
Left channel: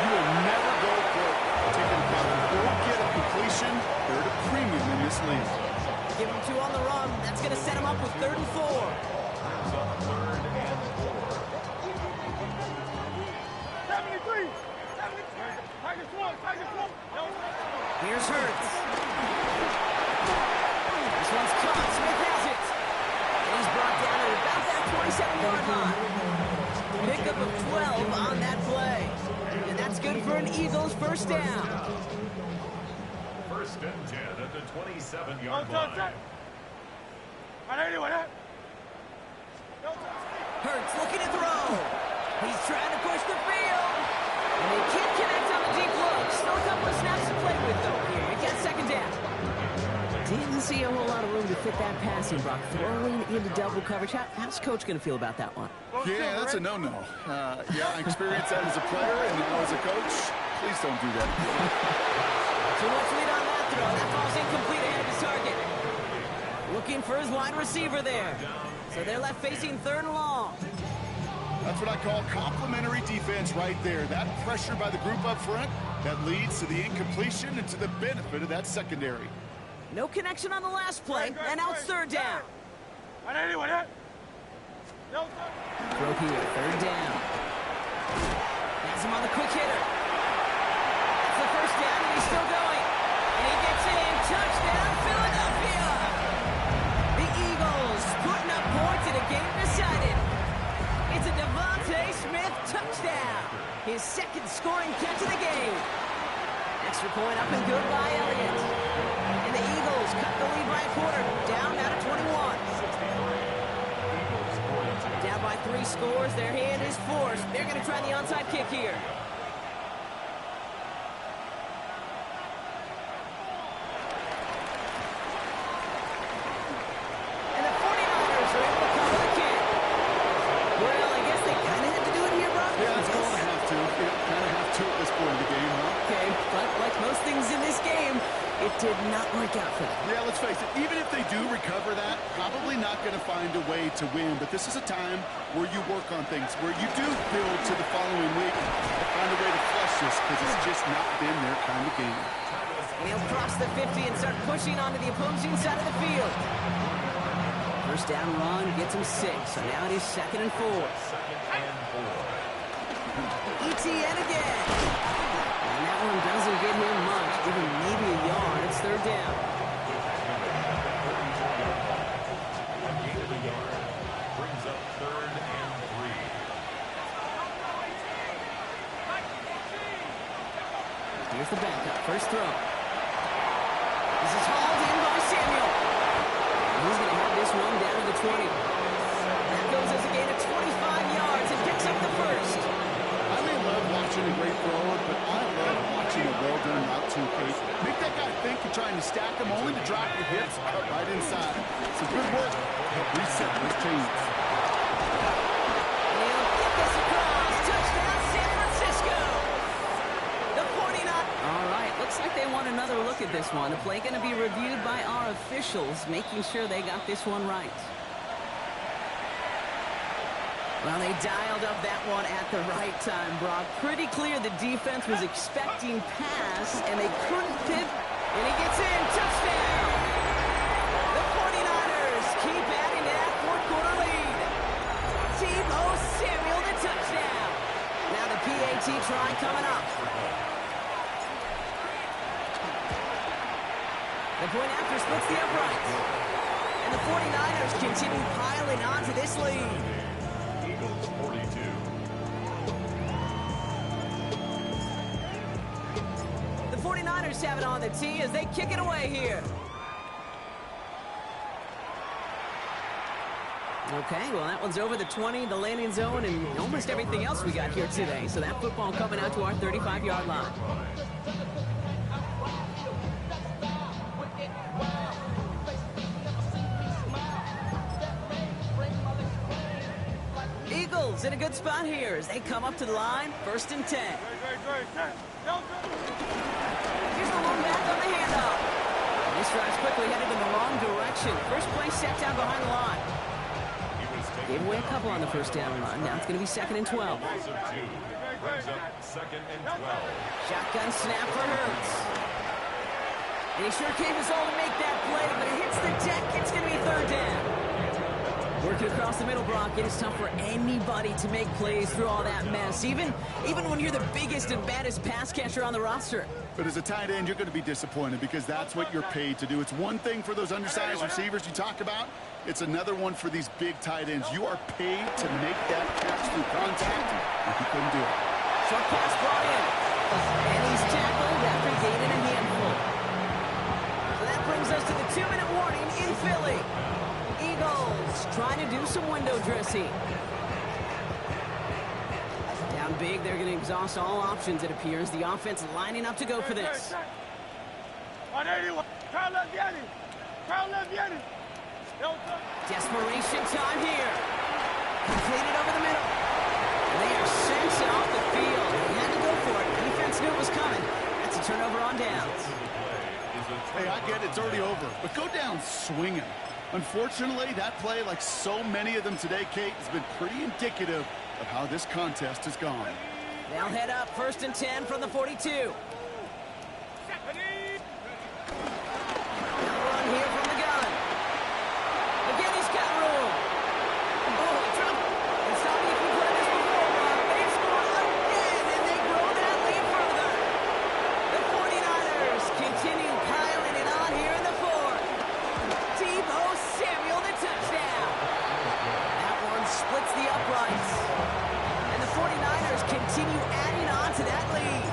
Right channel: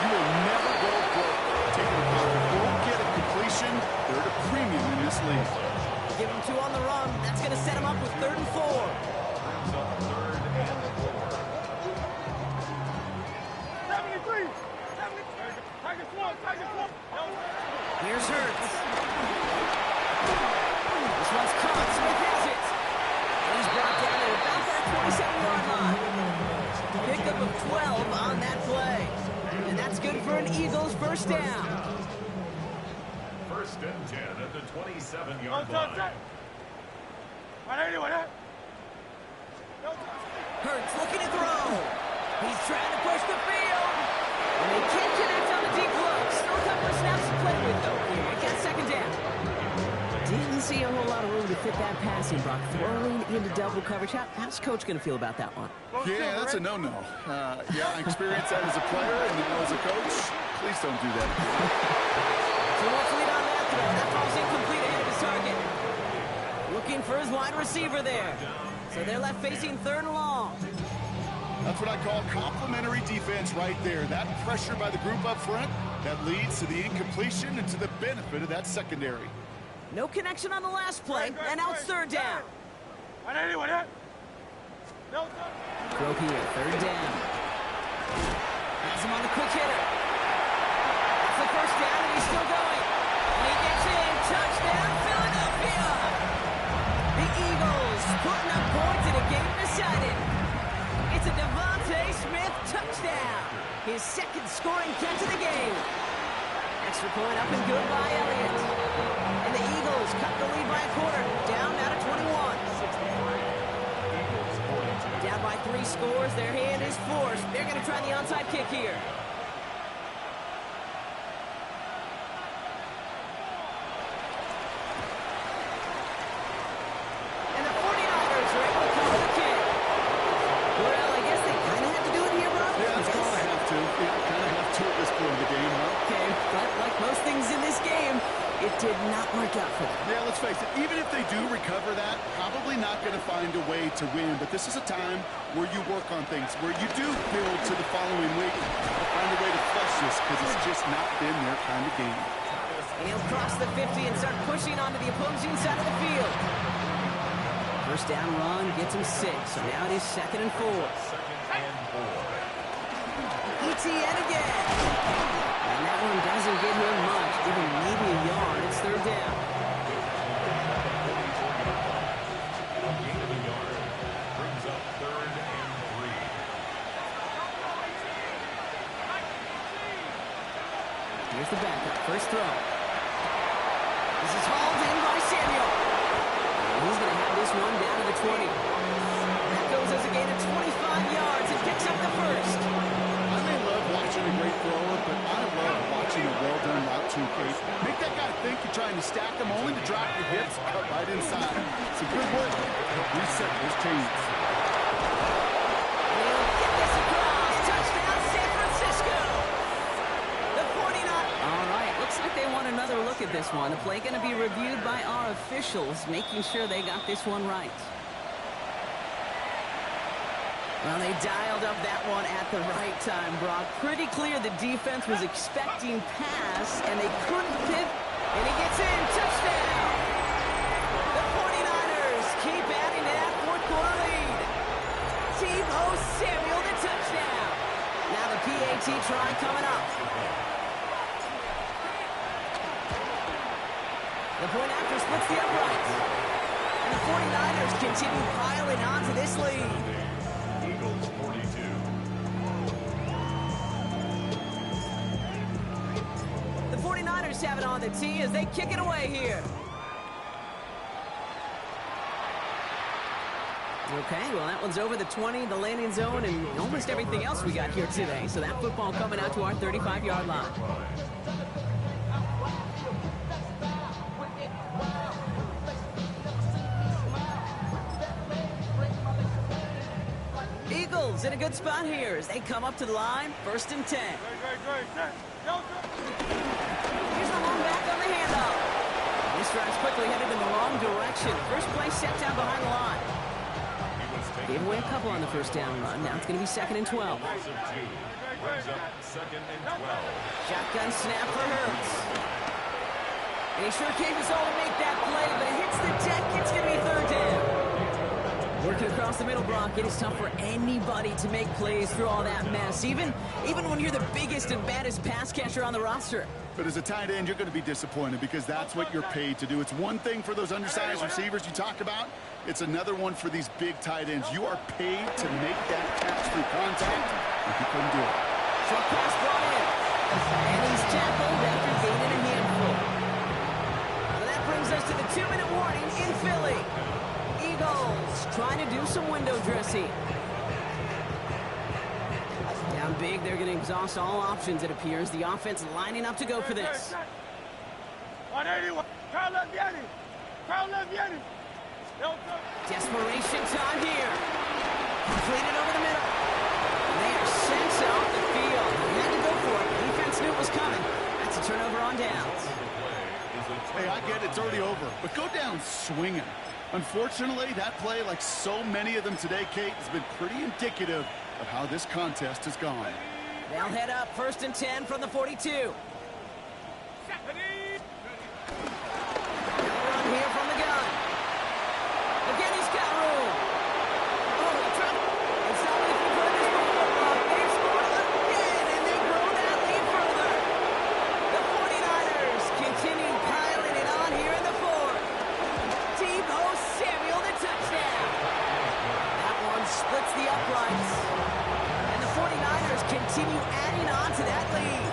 You will never go broke taking a profit. Go get a completion. They're at a premium in this league. Give him 2 on the run. That's going to set him up with 3rd and 4. Brings up 3rd and 4. 73. 73. Tigers one. Here's Hurts. This one's caught. Smith has it. And he's brought down at about that 27-yard line. Pickup of 12 on that play. And that's good for an Eagles 1st down. 1st and 10 at the 27-yard line. Hurts looking to throw. He's trying to push the field. And they can't connect on the deep look. Still a couple of snaps to play with, though. Here, it gets 2nd down. Didn't see a whole lot of room to fit that passing, Brock. Throwing into double coverage. How's Coach going to feel about that one? Yeah, that's a no-no. Yeah, I experienced that as a player and now as a coach. Please don't do that. Too much lead on that throw. That ball's incomplete ahead of his target. Looking for his wide receiver there. So they're left facing 3rd and long. That's what I call complimentary defense right there. That pressure by the group up front, that leads to the incompletion and to the benefit of that secondary. No connection on the last play, and now it's 3rd down. Throw here, 3rd down. Has him on the quick hitter. That's the 1st down, and he's still going. And he gets in. Touchdown, Philadelphia! The Eagles putting up points in a game decided. It's a Devontae Smith touchdown. His 2nd scoring catch of the game. Extra point up and good by Elliott. And the Eagles cut the lead by a quarter. Down now to 21. Down by 3 scores. Their hand is forced. They're going to try the onside kick here. And the 49ers are able to cover the kick. Well, I guess they kind of had to do it here, bro. Yeah, it's called a have to. Yeah, kind of have to at this point in the game, huh? Okay, but like most things in this game, it did not work out for them. Yeah, let's face it, even if they do recover that, probably not going to find a way to win. But this is a time where you work on things, where you do build to the following week to find a way to flush this, because it's just not been their kind of game. And he'll cross the 50 and start pushing onto the opposing side of the field. 1st down run gets him 6, so now it is 2nd and 4. 2nd and 4. ETN again. And that one doesn't get him much, giving maybe a yard. It's 3rd down. A gain of a yard brings up 3rd and 3. Here's the backup. 1st throw. This is hauled in by Samuel. And he's going to have this one down to the 20. That goes as a gain of 25 yards and picks up the 1st. I may love watching a great thrower, but I love watching a well-done route too, Kate. Make that guy think you're trying to stack him, only to drop your hips, cut right inside. Some good work to help reset those chains. And he'll get this across. Touchdown, San Francisco. The 49. All right, looks like they want another look at this one. The play going to be reviewed by our officials, making sure they got this one right. Well, they dialed up that one at the right time, Brock. Pretty clear the defense was expecting pass, and they couldn't pivot. And he gets in. Touchdown! The 49ers keep adding to that 4th quarter lead. Tebow Samuel, the touchdown. Now the PAT try coming up. The point after splits the uprights. And the 49ers continue piling on to this lead. Eagles 42. The 49ers have it on the tee as they kick it away here. Okay, well, that one's over the 20, the landing zone, and almost everything else we got here today. So that football coming out to our 35-yard line. Eagles in a good spot here as they come up to the line, 1st and 10. Here's the long back on the handoff. This drive's quickly headed in the wrong direction. First play set down behind the line. Gave away a couple on the first down run. Now it's going to be 2nd and 12. Brings up 2nd and 12. Shotgun snap for Hurts. And he sure came his all to make that play, but it hits the deck. It's going to be 3rd down. Working across the middle, Brock, it is tough for anybody to make plays through all that mess, even when you're the biggest and baddest pass catcher on the roster. But as a tight end, you're going to be disappointed because that's what you're paid to do. It's one thing for those undersized receivers you talk about. It's another one for these big tight ends. You are paid to make that catch through contact, and he couldn't do it. Short pass brought in, and he's tackled after gaining a handful. So that brings us to the 2-minute warning in Philly. Eagles trying to do some window dressing. Down big, they're going to exhaust all options, it appears. The offense lining up to go for this. 181. Desperation time here. Completed over the middle. And they are sent off the field. They had to go for it. Defense knew it was coming. That's a turnover on downs. Hey, I get it's already over, but go down swinging. Unfortunately, that play, like so many of them today, Kate, has been pretty indicative of how this contest has gone. They'll head up 1st and 10 from the 42. Now run here from the gun. Again, he's got room. Oh, he dropped. And stop me if you've heard this before, Rob. They've scored again, and they grow that lead further. The 49ers continue piling it on here in the 4th. Deebo Samuel, the touchdown. That one splits the uprights. And the 49ers continue adding on to that lead.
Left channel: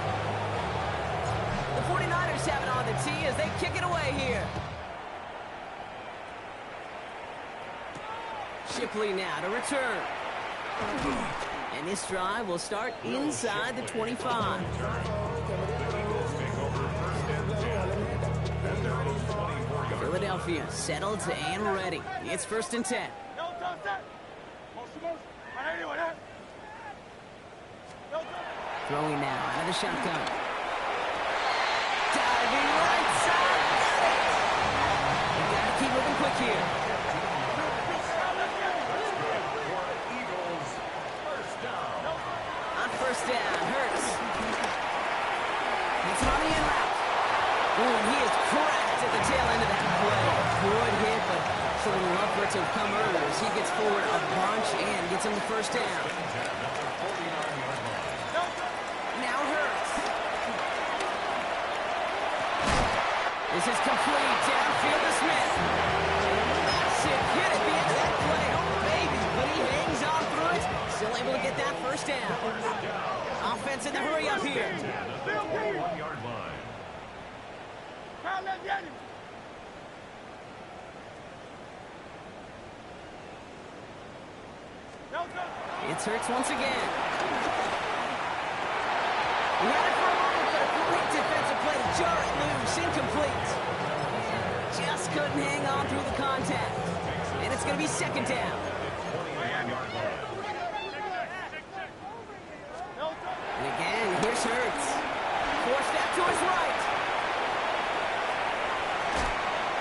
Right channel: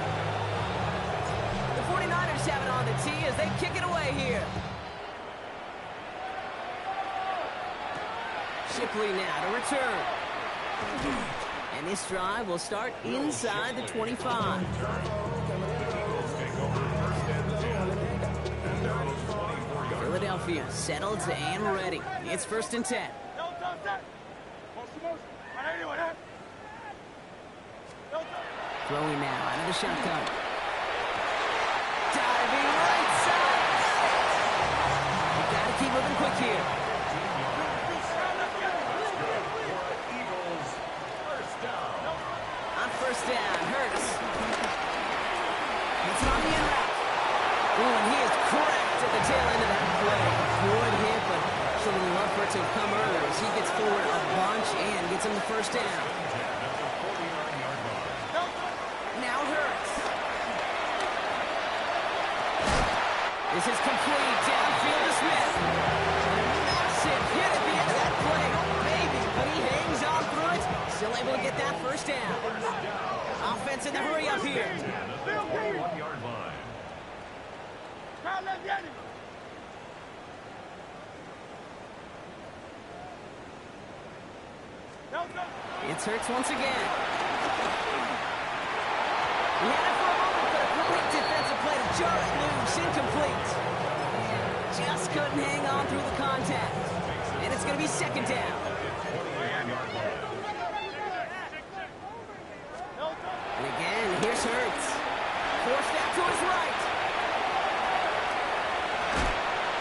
The 49ers have it on the tee as they kick it away here. Shipley now to return. And this drive will start inside the 25. Philadelphia settled and ready. It's 1st and 10. Throwing now out of the shotgun. Diving right side. Got it. You got to keep moving quick here. On 1st down, Hurts. It's on the in route. Ooh, and he is cracked at the tail end of that play. Good hit, but sure would love for it to have come earlier as he gets forward a bunch and gets him the 1st down. Now Hurts. This is complete. Downfield to Smith. And a massive hit at the end of that play. Oh, baby. But he hangs on through it. Still able to get that 1st down. Offense in the hurry up here. It's Hurts once again. He had it for a moment, but a great defensive play to jar it loose. Incomplete. Just couldn't hang on through the contact. And it's going to be 2nd down. And again, here's Hurts. Forced out to his right.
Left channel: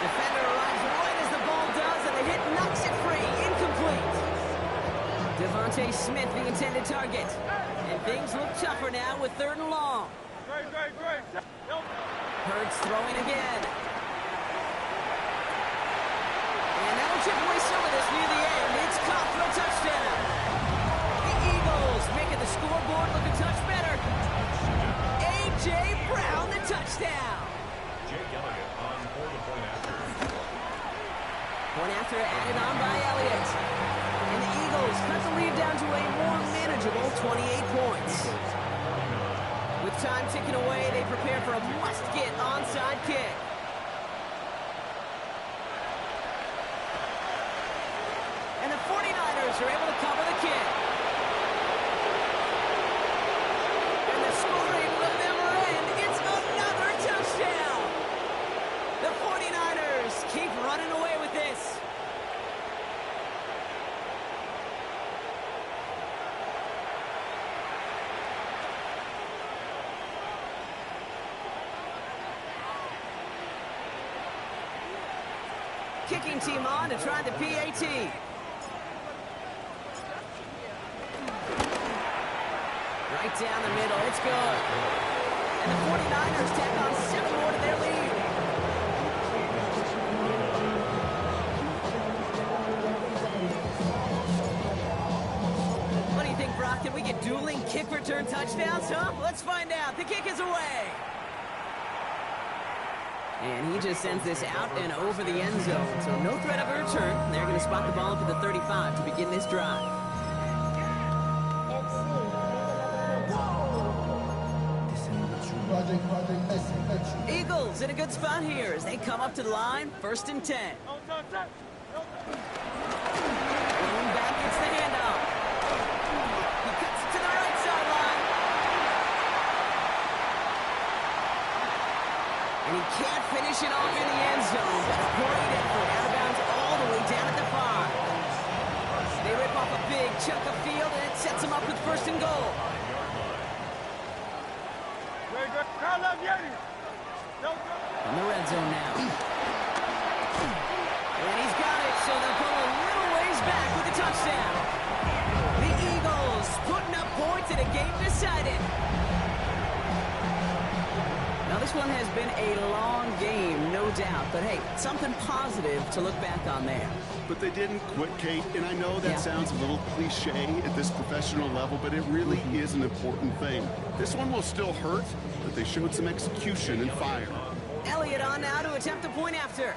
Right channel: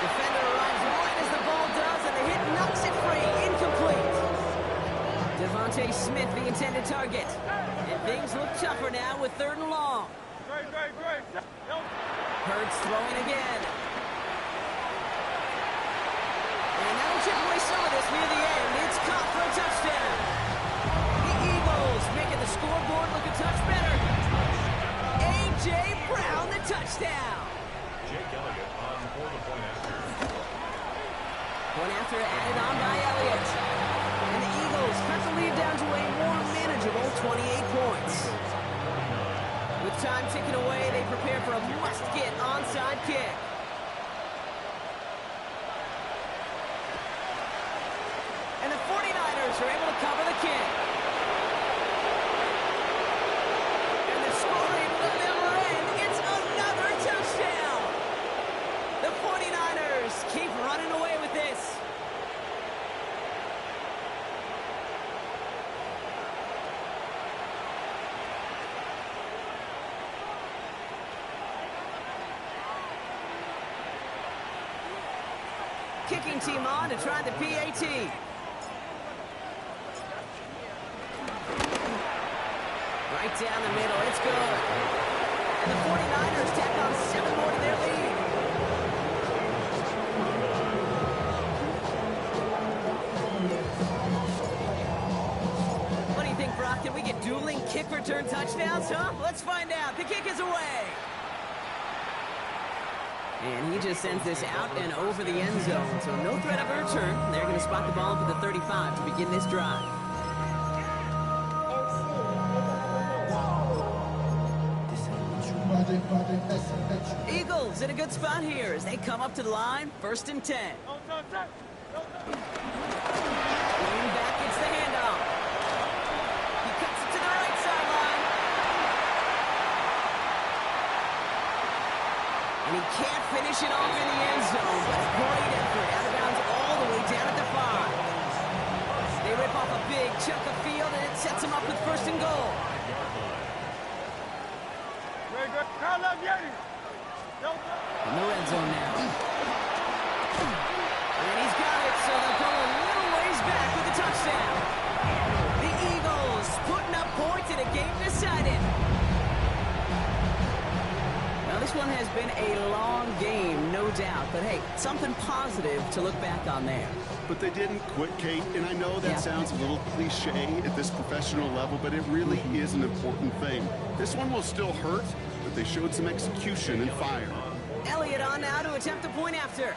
Defender arrives right as the ball does, and the hit knocks it free. Incomplete. Devontae Smith, the intended target. And things look tougher now with 3rd and long. Hurts throwing again. And that'll chip away some of this near the end. It's caught for a touchdown. The Eagles making the scoreboard look a touch better. A.J. Brown, the touchdown. Jake Elliott on for the 49ers. Point after added on by Elliott. And the Eagles cut the lead down to a more manageable 28 points. With time ticking away, they prepare for a must-get onside kick. And the 49ers are able to cover the kick. And the scoring will never end. It's another touchdown. The 49ers keep running away with this. Kicking team on to try the PAT. Right down the middle, it's good. And the 49ers tack on 7 more to their lead. What do you think, Brock? Can we get dueling kick return touchdowns, huh? Let's find out. The kick is away. And he just sends this out and over the end zone. So no threat of a return. They're going to spot the ball up at the 35 to begin this drive. Eagles in a good spot here as they come up to the line. 1st and 10. Blown back gets the handoff. He cuts it to the right sideline. And he can't finish it off in the end zone, but a great effort. Out of bounds all the way down at the 5. They rip off a big chunk of field, and it sets them up with 1st and goal. From the red zone now. And he's got it, so they'll pull a little ways back with a touchdown. The Eagles putting up points in a game decided. Now, this one has been a long game, no doubt. But, hey, something positive to look back on there. But they didn't quit, Kate. And I know that sounds a little cliche at this professional level, but it really is an important thing. This one will still hurt, but they showed some execution and fire. Elliott on now to attempt a point after.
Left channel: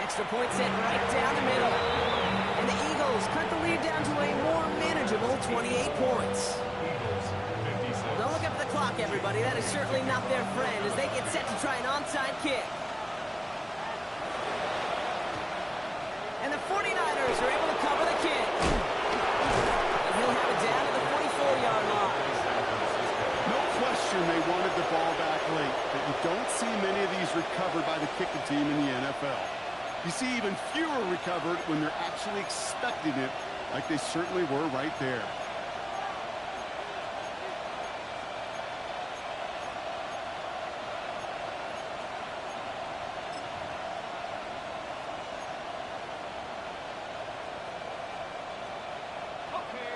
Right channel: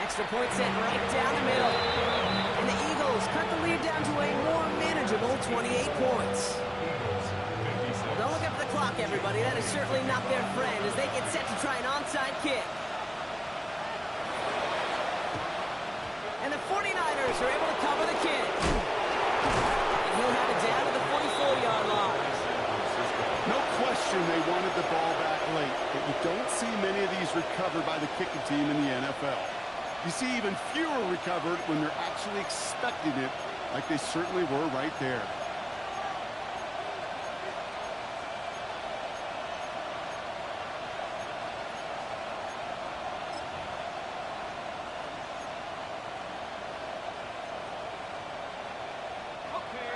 Extra point set right down the middle. And the Eagles cut the lead down to a more manageable 28 points. Don't look up the clock, everybody. That is certainly not their friend as they get set to try an onside kick. And the 49ers are able to cover the kick. And he'll have it down to the 44-yard line. No question they wanted the ball back late, but you don't see many of these recovered by the kicking team in the NFL. You see even fewer recovered when they're actually expecting it, like they certainly were right there.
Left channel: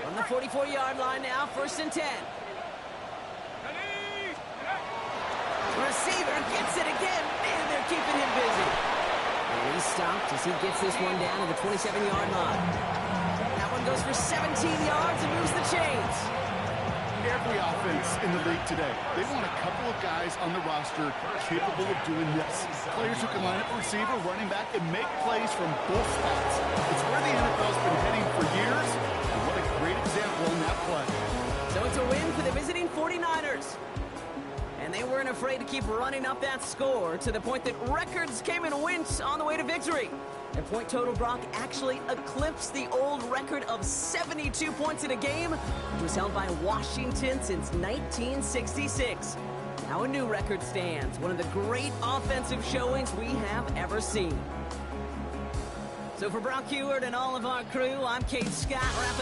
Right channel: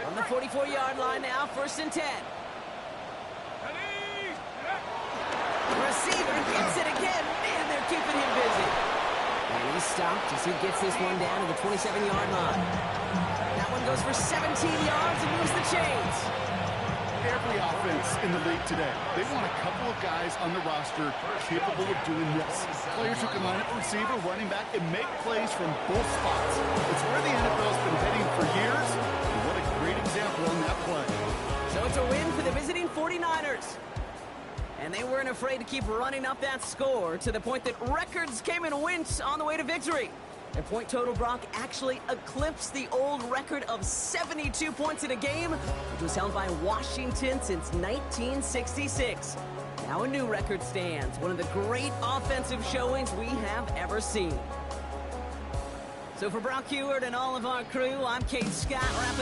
On the 44-yard line now, 1st and 10. Receiver gets it again. Man, they're keeping him busy. And he's stopped as he gets this one down to the 27-yard line. That one goes for 17 yards and moves the chains. Every offense in the league today, they want a couple of guys on the roster capable of doing this. Players who can line up a receiver, running back, and make plays from both spots. It's where the NFL's been heading for years, and what a great example on that play. So it's a win for the visiting 49ers. And they weren't afraid to keep running up that score to the point that records came in wince on the way to victory. Their point total, Brock, actually eclipsed the old record of 72 points in a game, which was held by Washington since 1966. Now a new record stands, one of the great offensive showings we have ever seen. So for Brock Heward and all of our crew, I'm Kate Scott, wrapping up